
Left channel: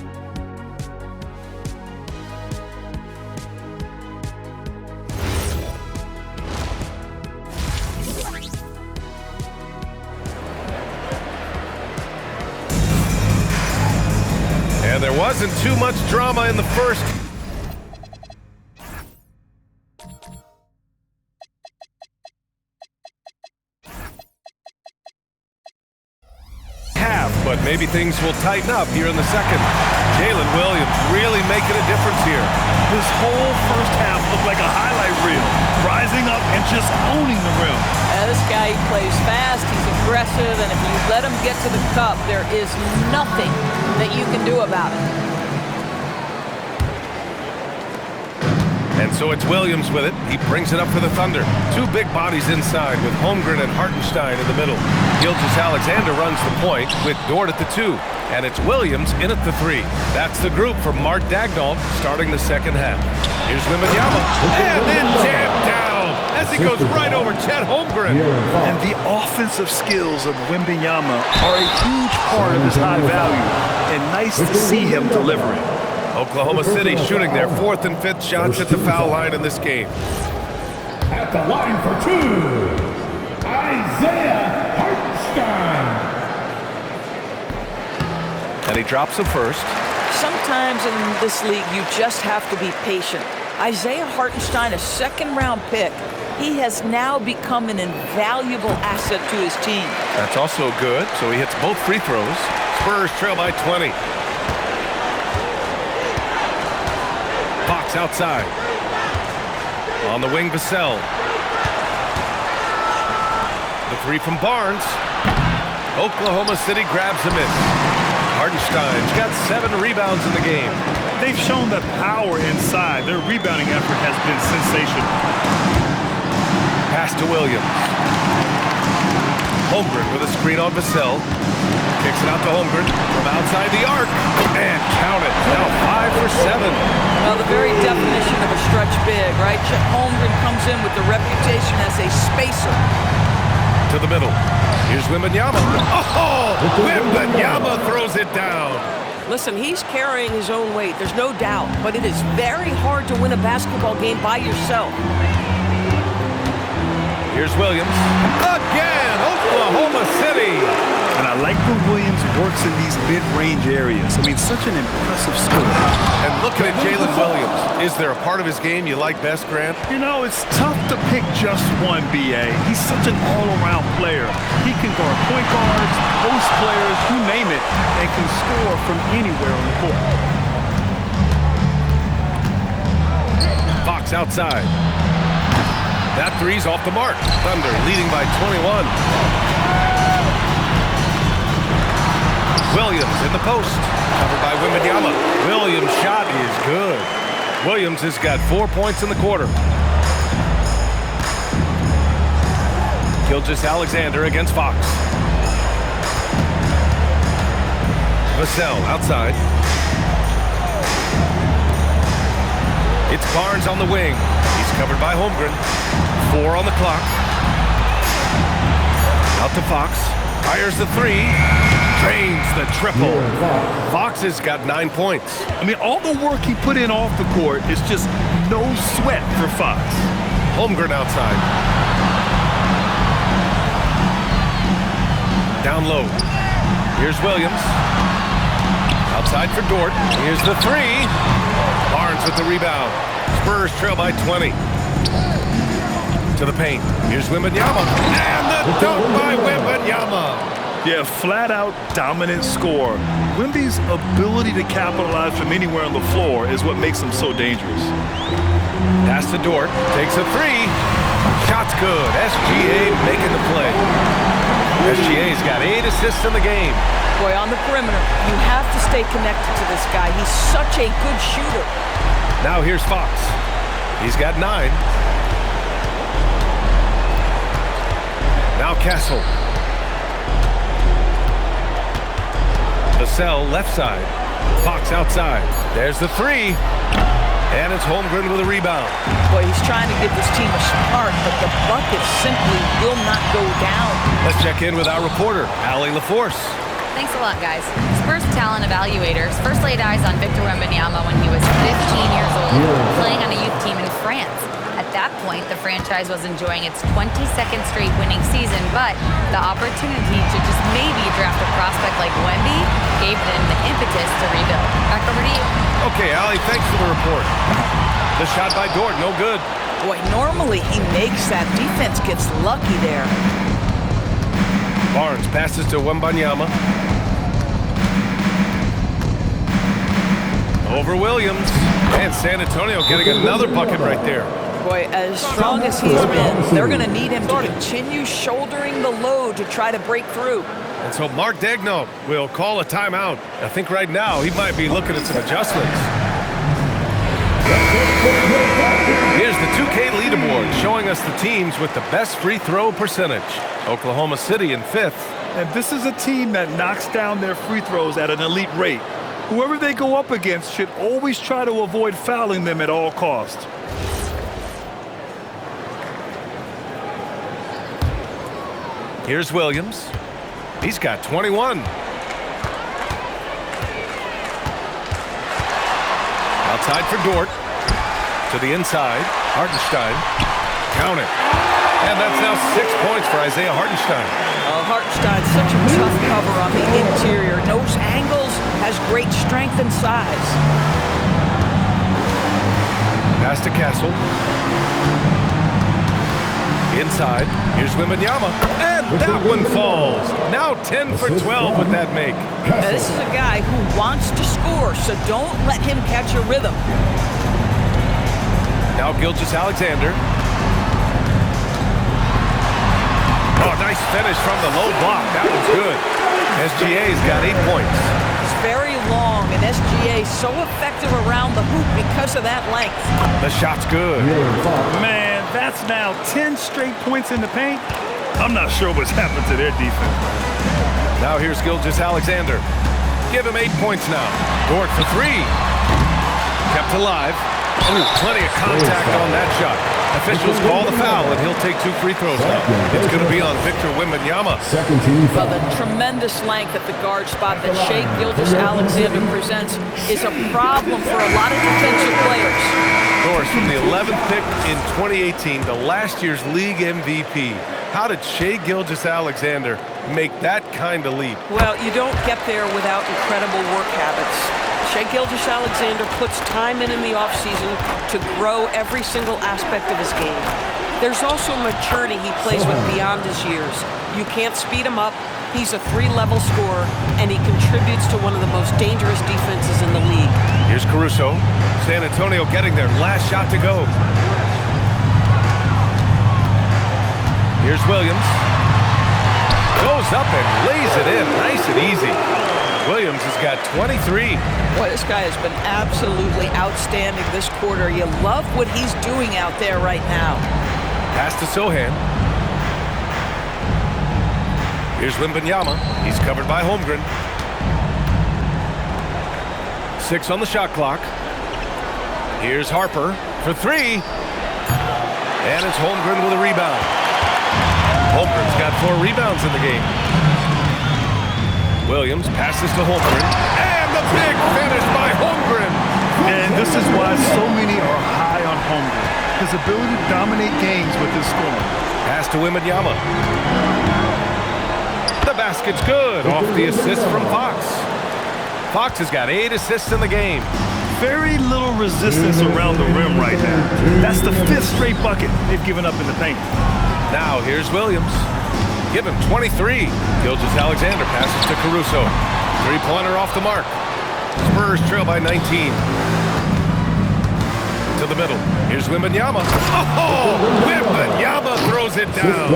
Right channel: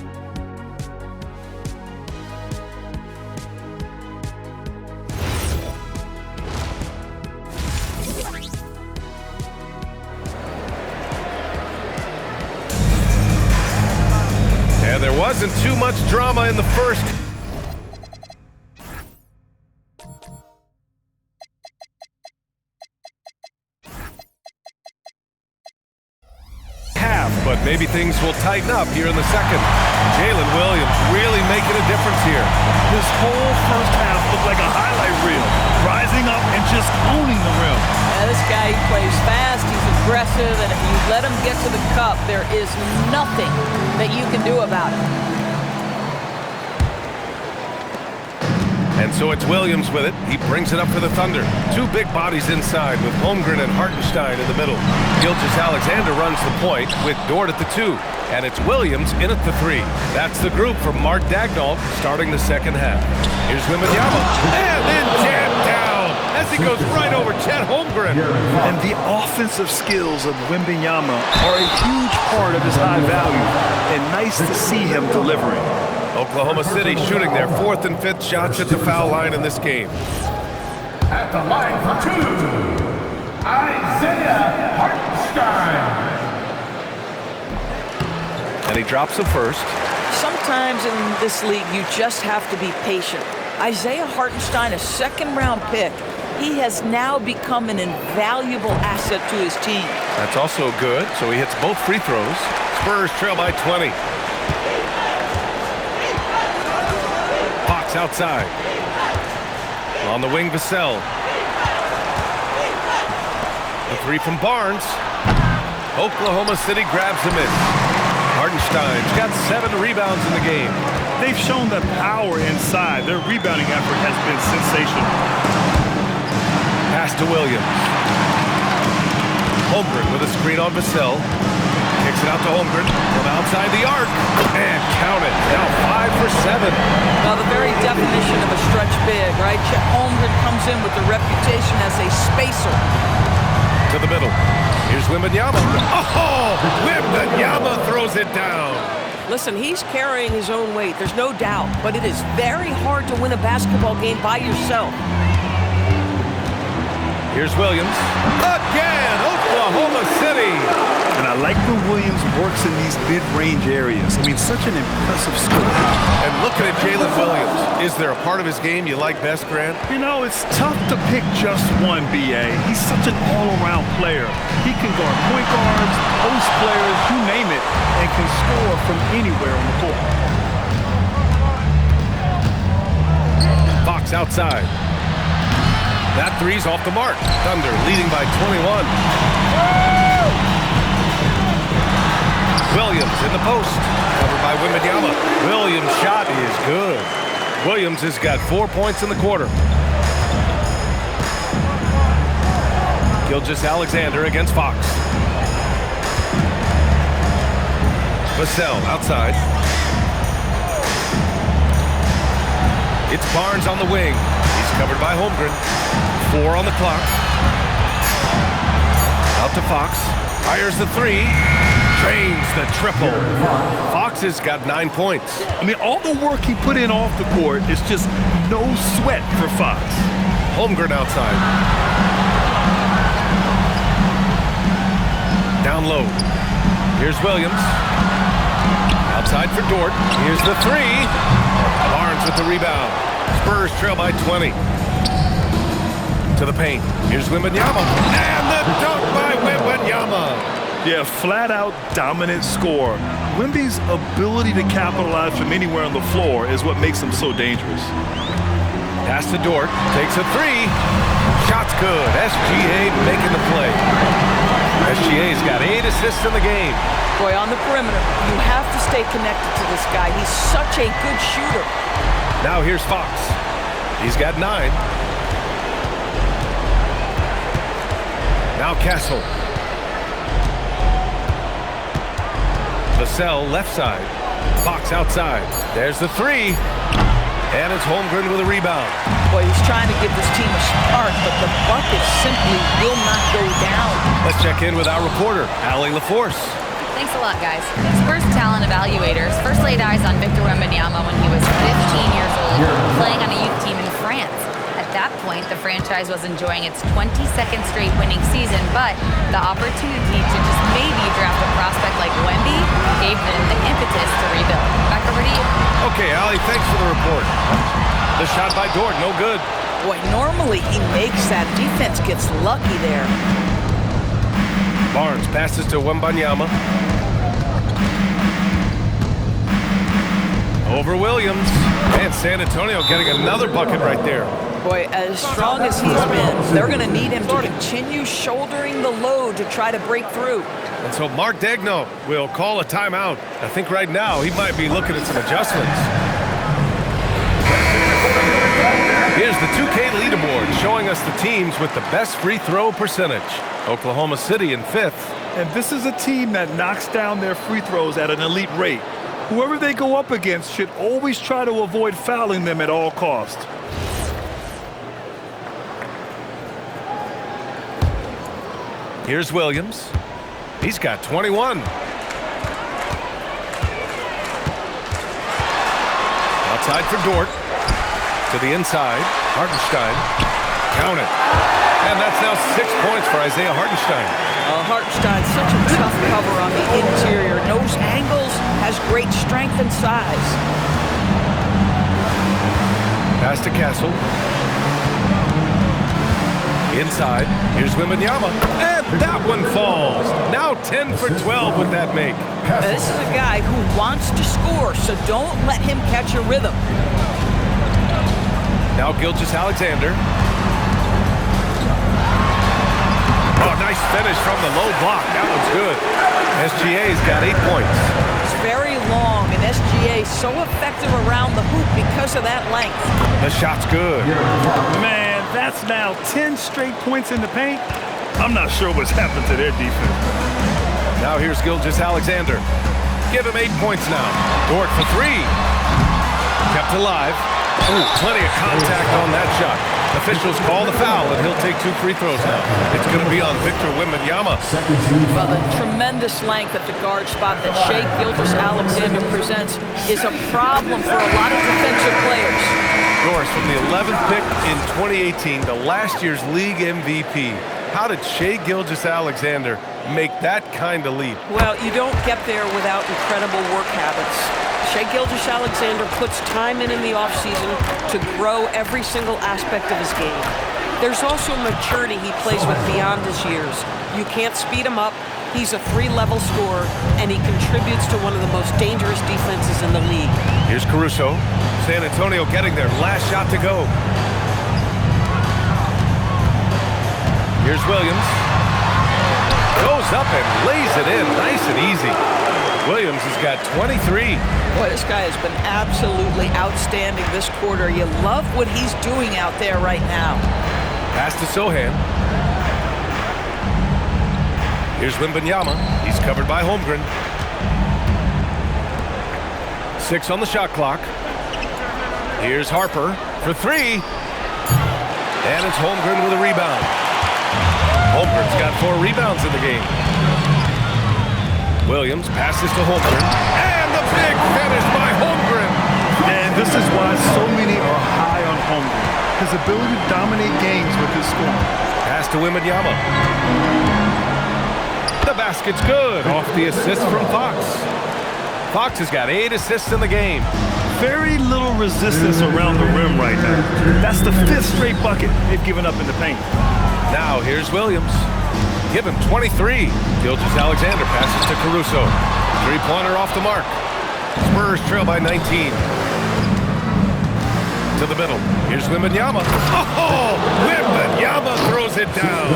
And there wasn't too much drama in the first half, but maybe things will tighten up here in the second. Jalen Williams really making a difference here. This whole first half looked like a highlight reel, rising up and just owning the rim. This guy, he plays fast, he's aggressive, and if you let him get to the cup, there is nothing that you can do about it. And so it's Williams with it. He brings it up for the Thunder. Two big bodies inside with Holmgren and Hartenstein in the middle. Gilgeous-Alexander runs the point with Dort at the 2. And it's Williams in at the 3. That's the group for Mark Daigneault starting the second half. Here's Wembanyama, and then jammed down as he goes right over Chet Holmgren. And the offensive skills of Wembanyama are a huge part of his high value, and nice to see him delivering. Oklahoma City shooting their 4th and 5th shots at the foul line in this game. At the line for 2, Isaiah Hartenstein. And he drops the first. Sometimes in this league, you just have to be patient. Isaiah Hartenstein, a second-round pick, he has now become an invaluable asset to his team. That's also good, so he hits both free throws. Spurs trail by 20. Fox outside. On the wing, Vassell. The 3 from Barnes. Oklahoma City grabs a miss. Hartenstein's got 7 rebounds in the game. They've shown the power inside. Their rebounding effort has been sensational. Pass to Williams. Holmgren with a screen on Vassell. Kicks it out to Holmgren from outside the arc. And count it. Now 5 for 7. Now, the very definition of a stretch big, right? Chet Holmgren comes in with the reputation as a spacer. To the middle. Here's Wembanyama. Oh, Wembanyama throws it down. Listen, he's carrying his own weight. There's no doubt. But it is very hard to win a basketball game by yourself. Here's Williams. Again, Oklahoma City. And I like when Williams works in these mid-range areas. I mean, such an impressive score. And looking at Jalen Williams, is there a part of his game you like best, Grant? You know, it's tough to pick just one, B.A. He's such an all-around player. He can guard point guards, post players, you name it, and can score from anywhere on the court. Fox outside. That three's off the mark. Thunder leading by 21. Williams in the post. Covered by Wembanyama. Williams' shot is good. Williams has got 4 points in the quarter. Gilgeous-Alexander against Fox. Vassell outside. It's Barnes on the wing. He's covered by Holmgren. 4 on the clock. Out to Fox. Fires the three. Drains the triple. Fox has got 9 points. I mean, all the work he put in off the court is just no sweat for Fox. Holmgren outside. Down low. Here's Williams. Outside for Dort. Here's the three. Barnes with the rebound. Spurs trail by 20. To the paint. Here's Wembanyama. And the dunk by Wembanyama. Yeah, flat-out dominant score. Wemby's ability to capitalize from anywhere on the floor is what makes him so dangerous. Pass to Dort. Takes a three. Shot's good. SGA making the play. SGA's got 8 assists in the game. Boy, on the perimeter, you have to stay connected to this guy. He's such a good shooter. Now here's Fox. He's got 9. Now Castle. Vassell left side. Fox outside. There's the three. And it's Holmgren with a rebound. Boy, he's trying to give this team a spark, but the bucket simply will not go down. Let's check in with our reporter, Allie LaForce. Thanks a lot, guys. Spurs talent evaluators first laid eyes on Victor Wembanyama when he was 15 years old, playing on a youth team in France. At that point, the franchise was enjoying its 22nd straight winning season, but the opportunity to just maybe draft a prospect like Wemby gave them the impetus to rebuild. Back over to you. Okay, Allie, thanks for the report. The shot by Dort, no good. Boy, normally he makes that. Defense gets lucky there. Barnes passes to Wembanyama. Over Williams. And San Antonio getting another bucket right there. Boy, as strong as he's been, they're going to need him to continue shouldering the load to try to break through. And so Mark Daigneault will call a timeout. I think right now he might be looking at some adjustments. Here's the 2K leaderboard showing us the teams with the best free throw percentage. Oklahoma City in 5th. And this is a team that knocks down their free throws at an elite rate. Whoever they go up against should always try to avoid fouling them at all costs. Here's Williams. He's got 21. Outside for Dort. To the inside. Hartenstein. Count it. And that's now 6 points for Isaiah Hartenstein. Hartenstein's such a tough cover on the interior. Knows angles, has great strength and size. Pass to Castle. Inside. Here's Wembanyama. And that one falls. Now 10 for 12 with that make. Now, this is a guy who wants to score, so don't let him catch a rhythm. Now Gilgeous-Alexander. Oh, nice finish from the low block. That was good. SGA's got 8 points. It's very long, and SGA so effective around the hoop because of that length. The shot's good. Man, that's now 10 straight points in the paint. I'm not sure what's happened to their defense, man. Now here's Gilgeous-Alexander. Give him 8 points now. Dort for 3. Kept alive. Ooh, plenty of contact on that shot. Officials call the foul, and he'll take 2 free throws now. It's going to be on Victor Wembanyama. Well, the tremendous length at the guard spot that Shai Gilgeous-Alexander presents is a problem for a lot of defensive players. Doris, from the 11th pick in 2018 to last year's league MVP, how did Shai Gilgeous-Alexander make that kind of leap? Well, you don't get there without incredible work habits. Shai Gilgeous-Alexander puts time in the offseason to grow every single aspect of his game. There's also maturity he plays with beyond his years. You can't speed him up. He's a 3-level scorer, and he contributes to one of the most dangerous defenses in the league. Here's Caruso. San Antonio getting their last shot to go. Here's Williams. Goes up and lays it in, nice and easy. Williams has got 23. Boy, this guy has been absolutely outstanding this quarter. You love what he's doing out there right now. Pass to Sohan. Here's Wembanyama. He's covered by Holmgren. 6 on the shot clock. Here's Harper for 3. And it's Holmgren with a rebound. Holmgren's got 4 rebounds in the game. Williams passes to Holmgren. And the big finish by Holmgren. And this is why so many are high on Holmgren. His ability to dominate games with his scoring. Pass to Wembanyama. The basket's good off the assist from Fox. Fox has got 8 assists in the game. Very little resistance around the rim right now. That's the 5th straight bucket they've given up in the paint. Now here's Williams. Give him 23. Gilgeous-Alexander passes to Caruso. 3-pointer off the mark. Spurs trail by 19. To the middle. Here's Wembanyama. Oh, Wembanyama throws it down.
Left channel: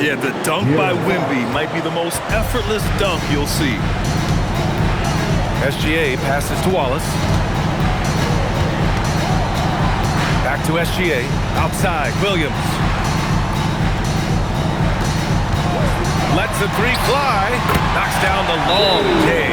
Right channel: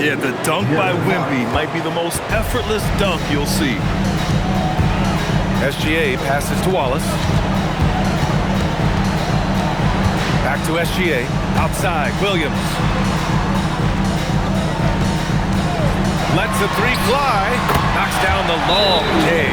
Yeah, the dunk by Wemby might be the most effortless dunk you'll see. SGA passes to Wallace. Back to SGA. Outside, Williams. Lets the 3 fly. Knocks down the long J.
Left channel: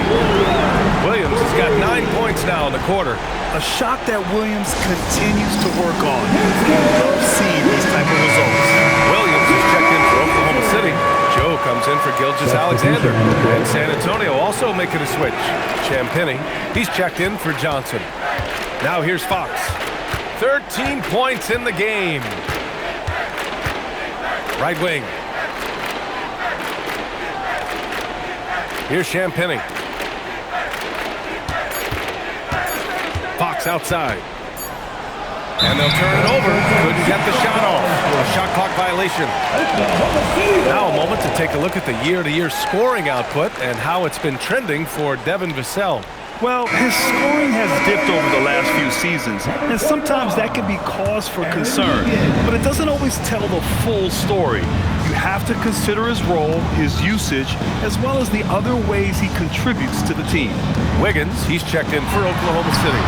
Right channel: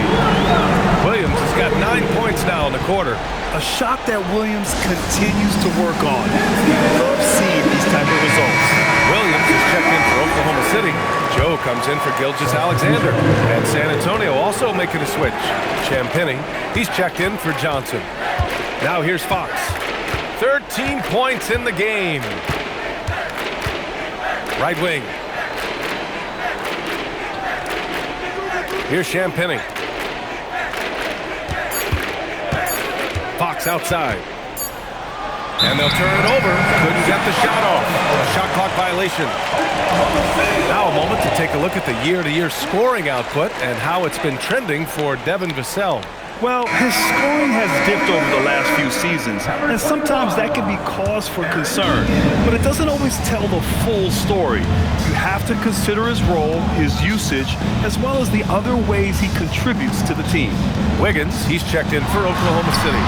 Williams has got 9 points now in the quarter. A shot that Williams continues to work on. He loves seeing these type of results. Williams is checked in for Oklahoma City. Joe comes in for Gilgeous-Alexander. And San Antonio also making a switch. Champagny, he's checked in for Johnson. Now here's Fox. 13 points in the game. Right wing. Here's Champagny. Fox outside. And they'll turn it over. Couldn't get the shot off. A shot clock violation. Now a moment to take a look at the year-to-year scoring output and how it's been trending for Devin Vassell. Well, his scoring has dipped over the last few seasons, and sometimes that can be cause for concern, but it doesn't always tell the full story. You have to consider his role, his usage, as well as the other ways he contributes to the team. Wiggins, he's checked in for Oklahoma City.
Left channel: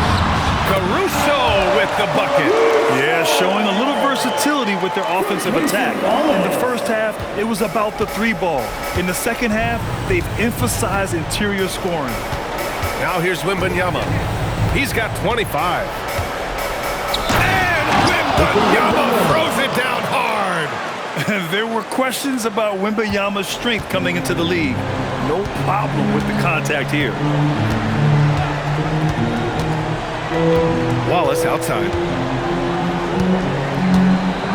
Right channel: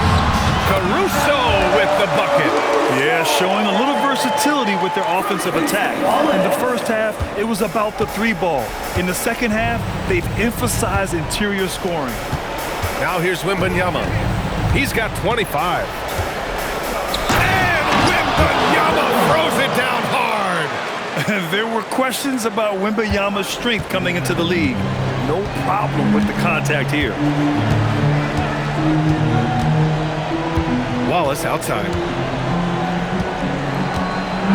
Caruso with the bucket. Yeah, showing a little versatility with their offensive attack. In the first half, it was about the 3-ball. In the second half, they've emphasized interior scoring. Now here's Wembanyama. He's got 25. And Wembanyama throws it down hard. There were questions about Wembanyama's strength coming into the league. No problem with the contact here. Wallace outside.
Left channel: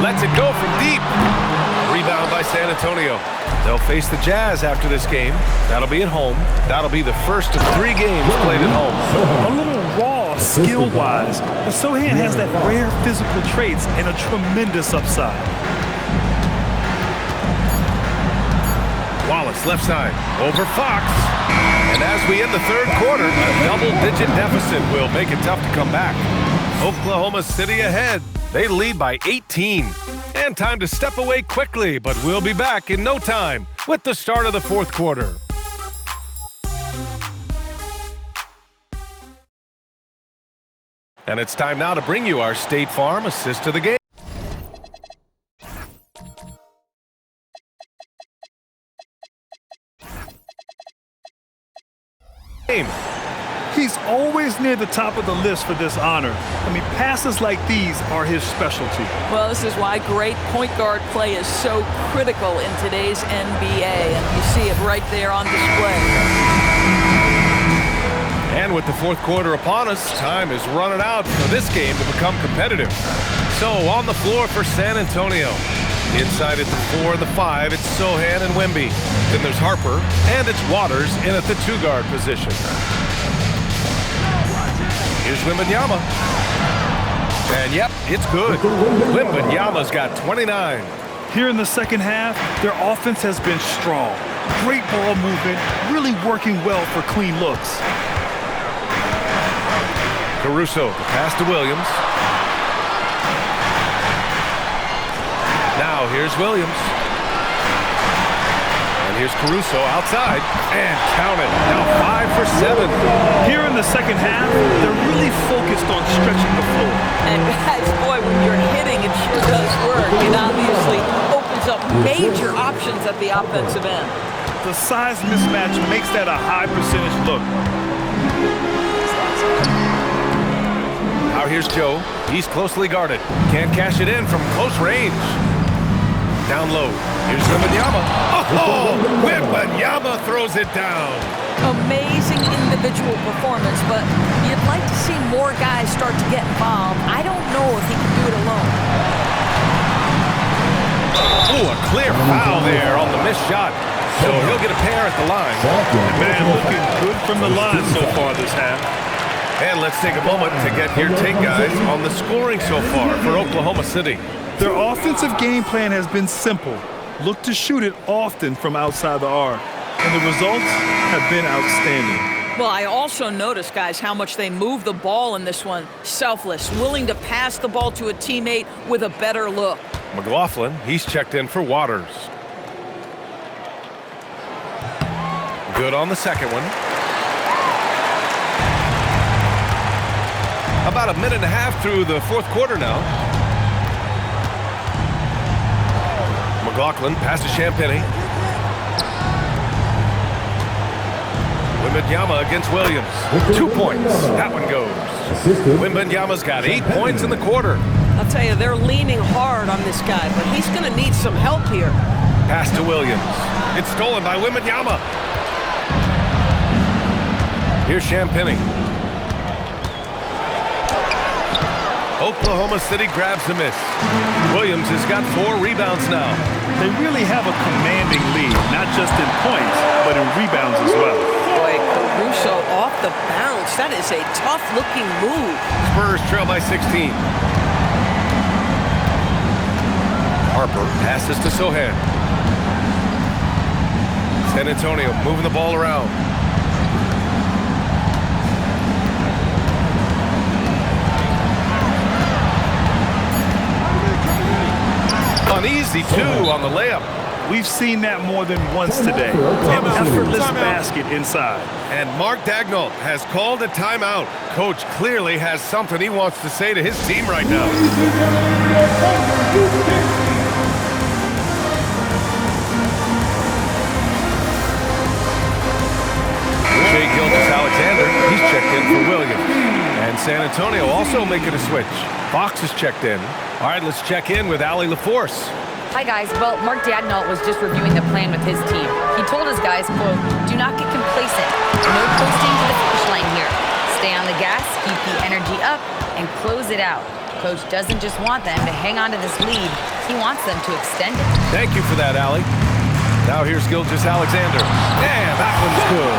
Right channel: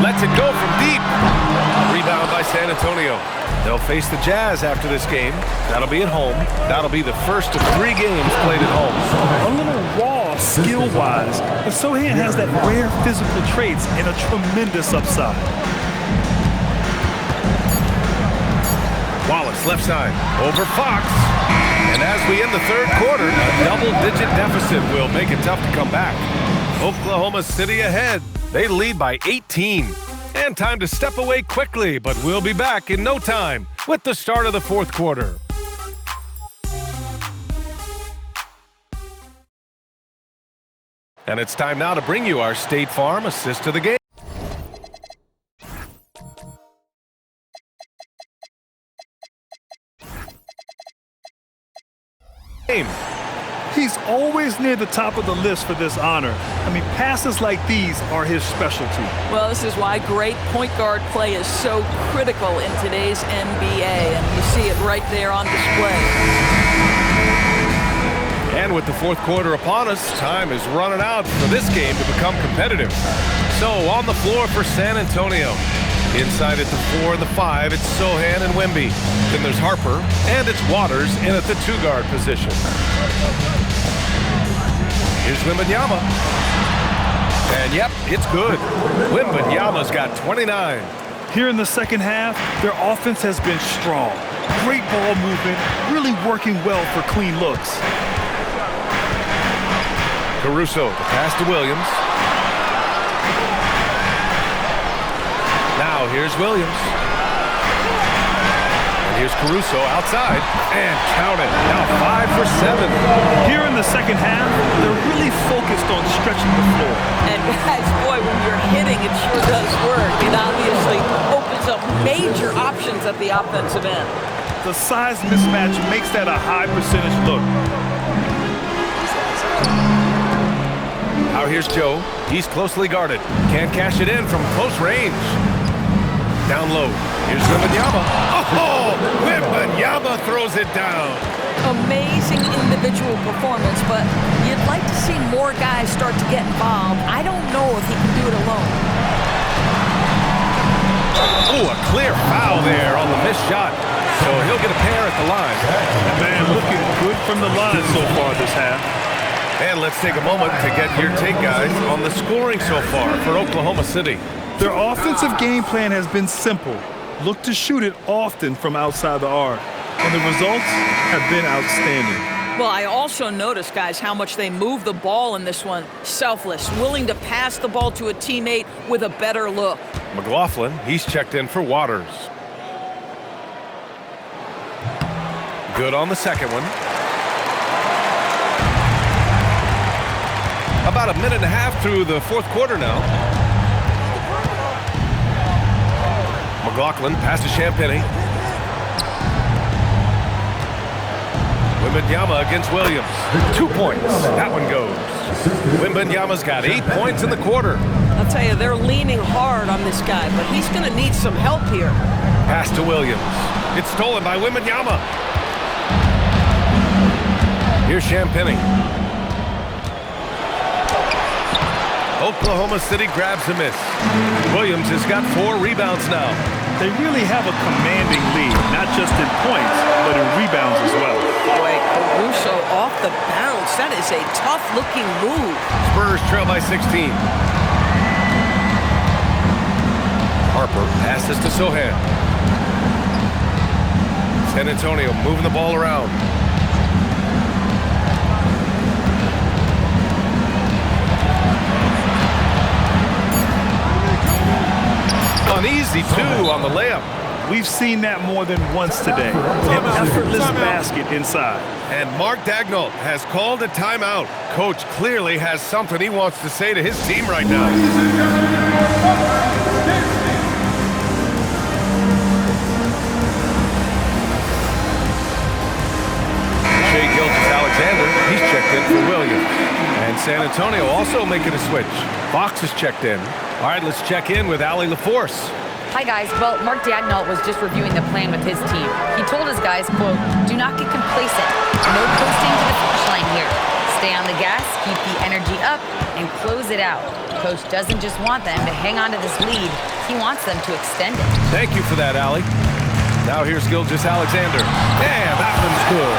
Lets it go from deep. A rebound by San Antonio. They'll face the Jazz after this game. That'll be at home. That'll be the first of 3 games played at home. A little raw skill-wise, but Sohan has that rare physical traits and a tremendous upside. Wallace left side over Fox. And as we end the 3rd quarter, a double-digit deficit will make it tough to come back. Oklahoma City ahead. They lead by 18. And time to step away quickly, but we'll be back in no time with the start of the 4th quarter. And it's time now to bring you our State Farm assist of the game. game. He's always near the top of the list for this honor. I mean, passes like these are his specialty. Well, this is why great point guard play is so critical in today's NBA, and you see it right there on display. And with the fourth quarter upon us, time is running out for this game to become competitive. So on the floor for San Antonio. Inside at the 4 and the 5, it's Sohan and Wemby. Then there's Harper, and it's Waters in at the 2-guard position. Here's Wembanyama. And yep, it's good. Wembanyama's got 29. Here in the second half, their offense has been strong. Great ball movement, really working well for clean looks. Caruso, the pass to Williams. Now here's Williams. And here's Caruso outside. And count it. Now 5 for 7. Here in the second half, they're really focused on stretching the floor. And guys, boy, when you're hitting, it sure does work. It obviously opens up major options at the offensive end. The size mismatch makes that a high percentage look. Now here's Joe. He's closely guarded. Can't cash it in from close range. Down low. Here's Wembanyama. Oh, Wembanyama throws it down. Amazing individual performance, but you'd like to see more guys start to get involved. I don't know if he can do it alone. Oh, a clear foul there on the missed shot. So he'll get a pair at the line. And man, looking good from the line so far this half. And let's take a moment to get your take, guys, on the scoring so far for Oklahoma City. Their offensive game plan has been simple. Look to shoot it often from outside the arc. And the results have been outstanding. Well, I also noticed, guys, how much they move the ball in this one. Selfless, willing to pass the ball to a teammate with a better look. McLaughlin, he's checked in for Waters. Good on the second one. About a minute and a half through the fourth quarter now. McLaughlin passes Champagny. Wembanyama against Williams. 2 points. That one goes. Wembanyama's got 8 points in the quarter. I'll tell you, they're leaning hard on this guy, but he's going to need some help here. Pass to Williams. It's stolen by Wembanyama. Here's Champagny. Oklahoma City grabs a miss. Williams has got 4 rebounds now. They really have a commanding lead, not just in points, but in rebounds as well. Boy, Caruso off the bounce. That is a tough-looking move. Spurs trail by 16. Harper passes to Sohan. San Antonio moving the ball around. Uneasy, too, on the layup. We've seen that more than once today. An effortless basket inside. And Mark Daigneault has called a timeout. Coach clearly has something he wants to say to his team right now. Shai Gilgeous-Alexander, he's checked in for Williams. And San Antonio also making a switch. Fox is checked in. All right, let's check in with Allie LaForce. Hi, guys. Well, Mark Daigneault was just reviewing the plan with his team. He told his guys, quote, "Do not get complacent. No coasting to the finish line here. Stay on the gas, keep the energy up, and close it out." Coach doesn't just want them to hang on to this lead. He wants them to extend it. Thank you for that, Allie. Now here's Gilgeous-Alexander. And that one's good.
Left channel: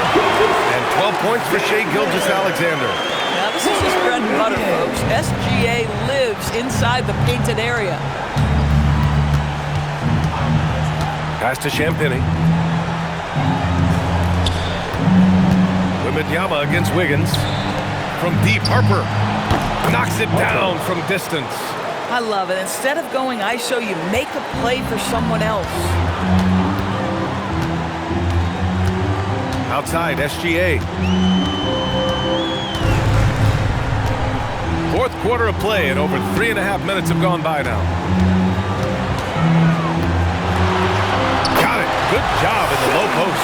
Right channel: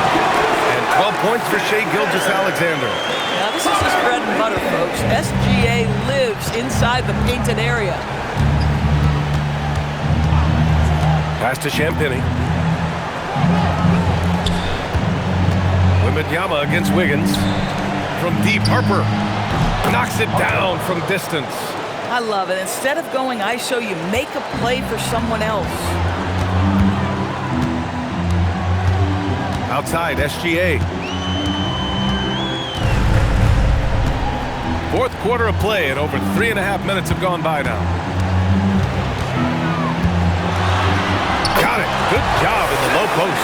And 12 points for Shai Gilgeous-Alexander. Now, this is his bread and butter, folks. SGA lives inside the painted area. Pass to Champagny. Wembanyama against Wiggins. From deep, Harper knocks it down from distance. I love it. Instead of going ISO, you make a play for someone else. Outside, SGA. Fourth quarter of play, and over 3.5 minutes have gone by now. Got it. Good job in the low post.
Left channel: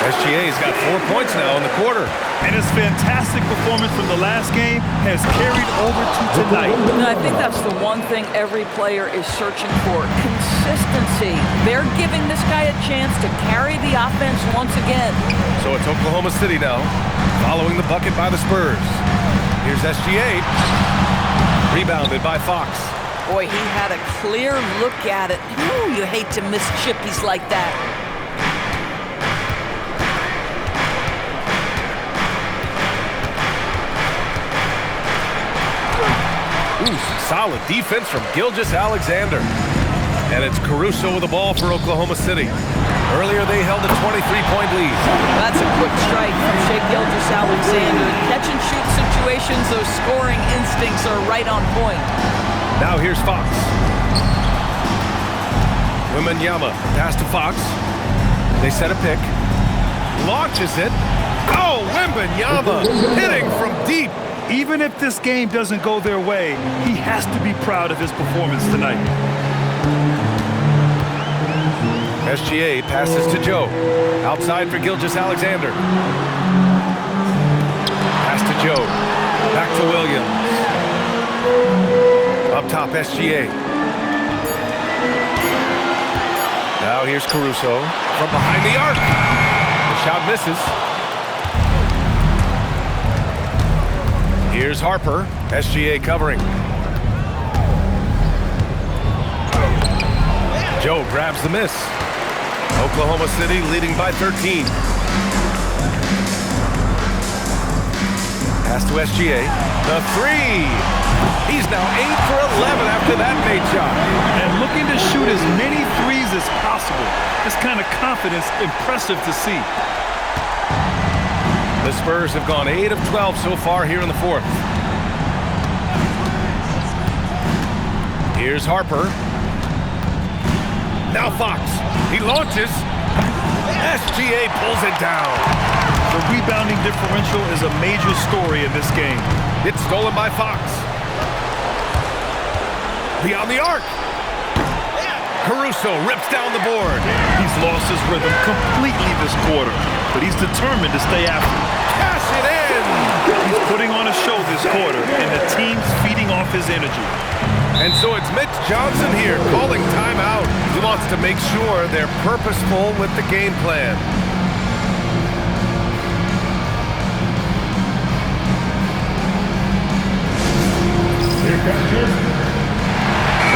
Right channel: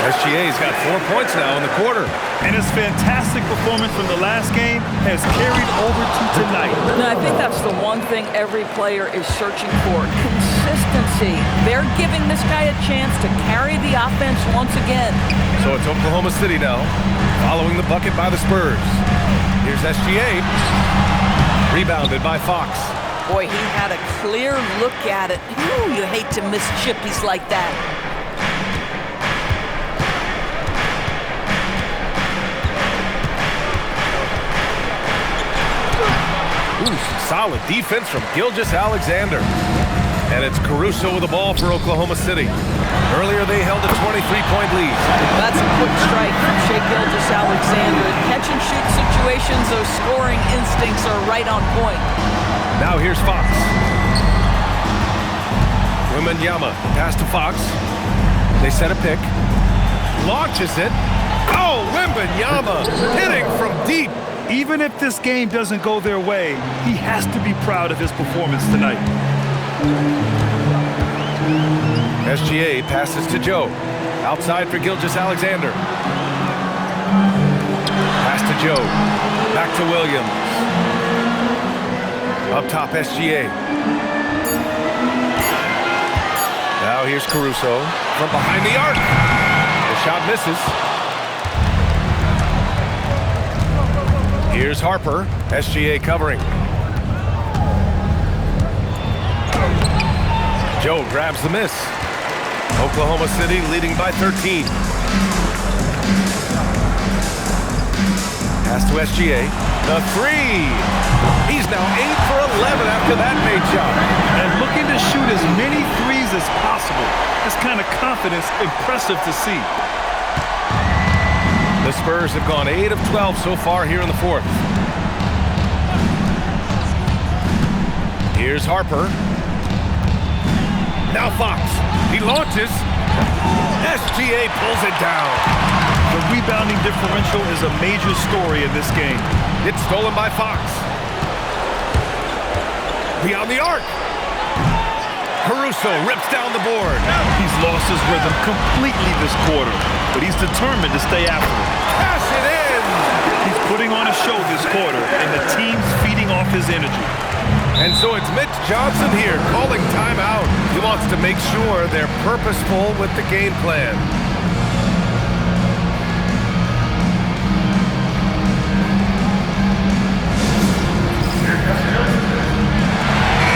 SGA's got 4 points now in the quarter. And his fantastic performance from the last game has carried over to tonight. And I think that's the one thing every player is searching for, consistency. They're giving this guy a chance to carry the offense once again. So it's Oklahoma City now, following the bucket by the Spurs. Here's SGA, rebounded by Fox. Boy, he had a clear look at it. Ooh, you hate to miss chippies like that. Ooh, some solid defense from Gilgeous-Alexander. And it's Caruso with the ball for Oklahoma City. Earlier, they held a 23-point lead. That's a quick strike from Shai Gilgeous-Alexander. In catch-and-shoot situations, those scoring instincts are right on point. Now here's Fox. Wembanyama, pass to Fox. They set a pick. Launches it. Oh, Wembanyama hitting from deep. Even if this game doesn't go their way, he has to be proud of his performance tonight. SGA passes to Joe. Outside for Gilgeous-Alexander. Pass to Joe. Back to Williams. Up top, SGA. Now here's Caruso from behind the arc. The shot misses. Here's Harper. SGA covering. Joe grabs the miss. Oklahoma City leading by 13. Pass to SGA. The three. He's now 8 for 11 after that made shot. And looking to shoot as many threes as possible. This kind of confidence, impressive to see. The Spurs have gone 8 of 12 so far here in the fourth. Here's Harper. Now Fox. He launches. SGA pulls it down. The rebounding differential is a major story in this game. It's stolen by Fox. Beyond the arc. Caruso rips down the board. He's lost his rhythm completely this quarter, but he's determined to stay after it. Cash it in! He's putting on a show this quarter, and the team's feeding off his energy. And so it's Mitch Johnson here calling timeout. He wants to make sure they're purposeful with the game plan.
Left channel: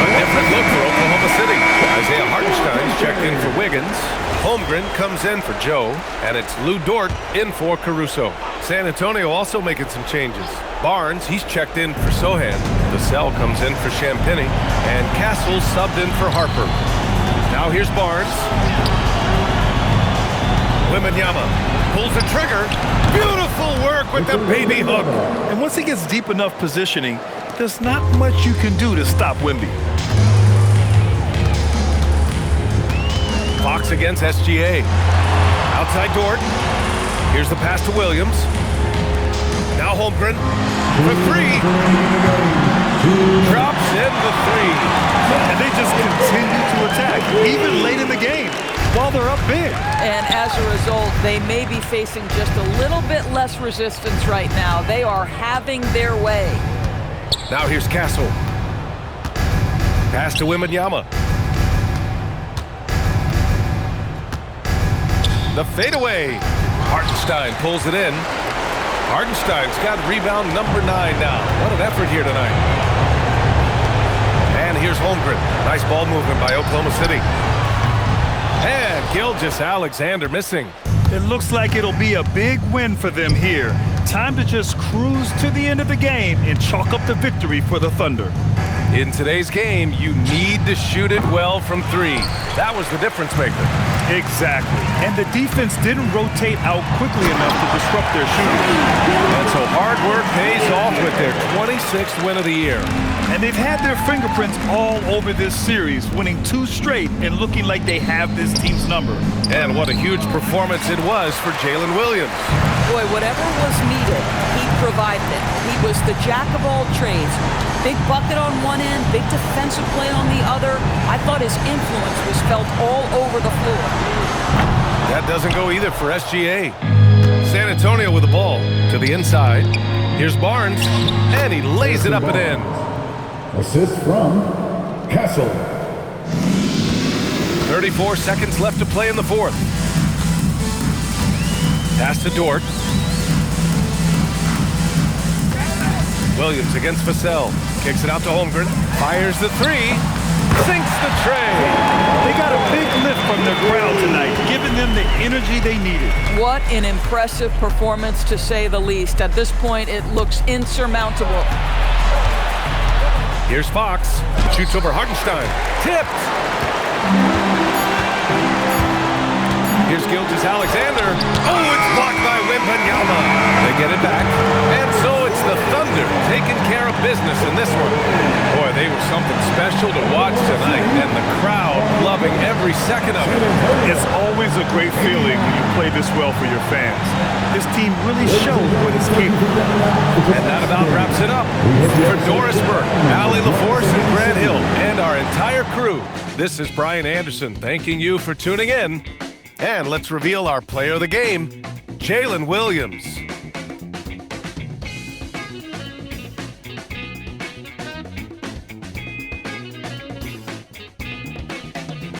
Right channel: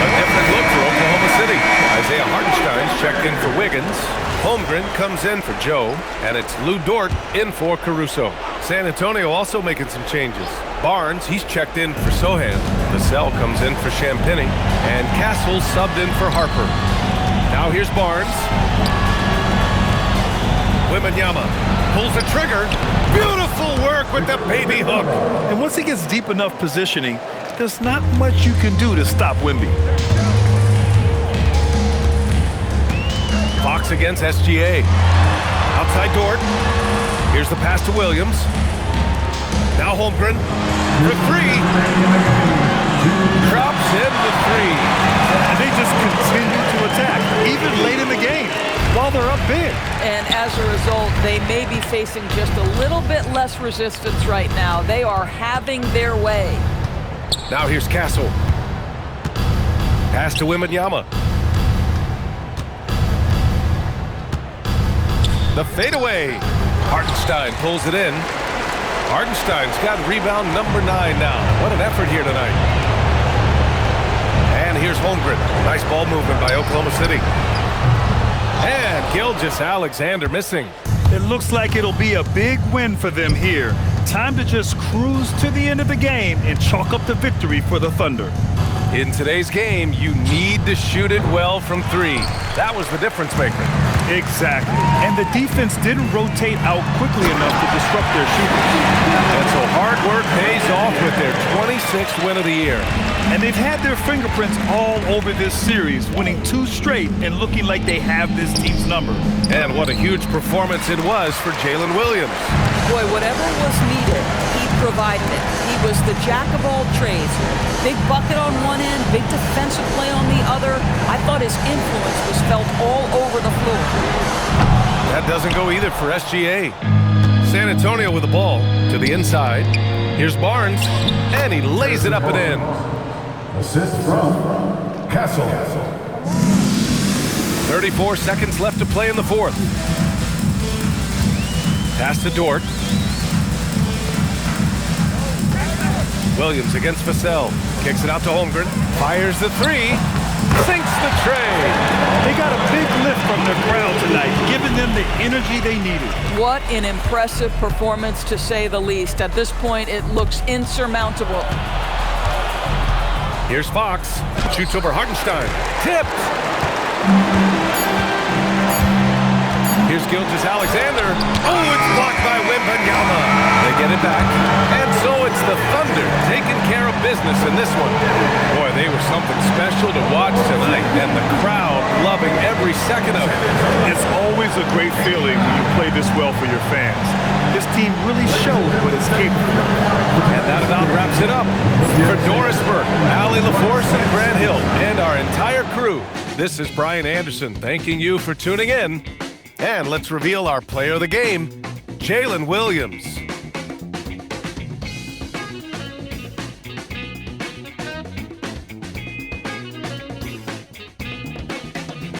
A different look for Oklahoma City. Isaiah Hartenstein's checked in for Wiggins. Holmgren comes in for Joe. And it's Lou Dort in for Caruso. San Antonio also making some changes. Barnes, he's checked in for Sohan. Vassell comes in for Champagny. And Castle subbed in for Harper. Now here's Barnes. Wembanyama pulls the trigger. Beautiful work with the baby hook. And once he gets deep enough positioning, there's not much you can do to stop Wemby. Fox against SGA. Outside Dort. Here's the pass to Williams. Now Holmgren for three. Drops in the three. And they just continue to attack, even late in the game, while they're up big. And as a result, they may be facing just a little bit less resistance right now. They are having their way. Now here's Castle. Pass to Wembanyama. The fadeaway. Hartenstein pulls it in. Hartenstein's got rebound number 9 now. What an effort here tonight. And here's Holmgren. Nice ball movement by Oklahoma City. And Gilgeous-Alexander missing. It looks like it'll be a big win for them here. Time to just cruise to the end of the game and chalk up the victory for the Thunder. In today's game, you need to shoot it well from three. That was the difference maker. Exactly. And the defense didn't rotate out quickly enough to disrupt their shooters. And so hard work pays off with their 26th win of the year. And they've had their fingerprints all over this series, winning 2 straight and looking like they have this team's number. And what a huge performance it was for Jalen Williams. Boy, whatever was needed, he provided it. He was the jack of all trades. Big bucket on one end, big defensive play on the other. I thought his influence was felt all over the floor. That doesn't go either for SGA. San Antonio with the ball to the inside. Here's Barnes, and he lays it up and in. Assist from Castle. 34 seconds left to play in the fourth. Pass to Dort. Williams against Vassell. Kicks it out to Holmgren. Fires the three. Sinks the tray. They got a big lift from their crowd tonight, giving them the energy they needed. What an impressive performance, to say the least. At this point, it looks insurmountable. Here's Fox. Shoots over Hartenstein. Tipped. Here's Gilgeous-Alexander. Oh, it's blocked by Wembanyama. They get it back. And so it's the Thunder taking care of business in this one. Boy, they were something special to watch tonight, and the crowd loving every second of it. It's always a great feeling when you play this well for your fans. This team really showed what it's capable of. And that about wraps it up. For Doris Burke, Allie LaForce, and Grant Hill, and our entire crew, this is Brian Anderson thanking you for tuning in. And let's reveal our player of the game, Jalen Williams.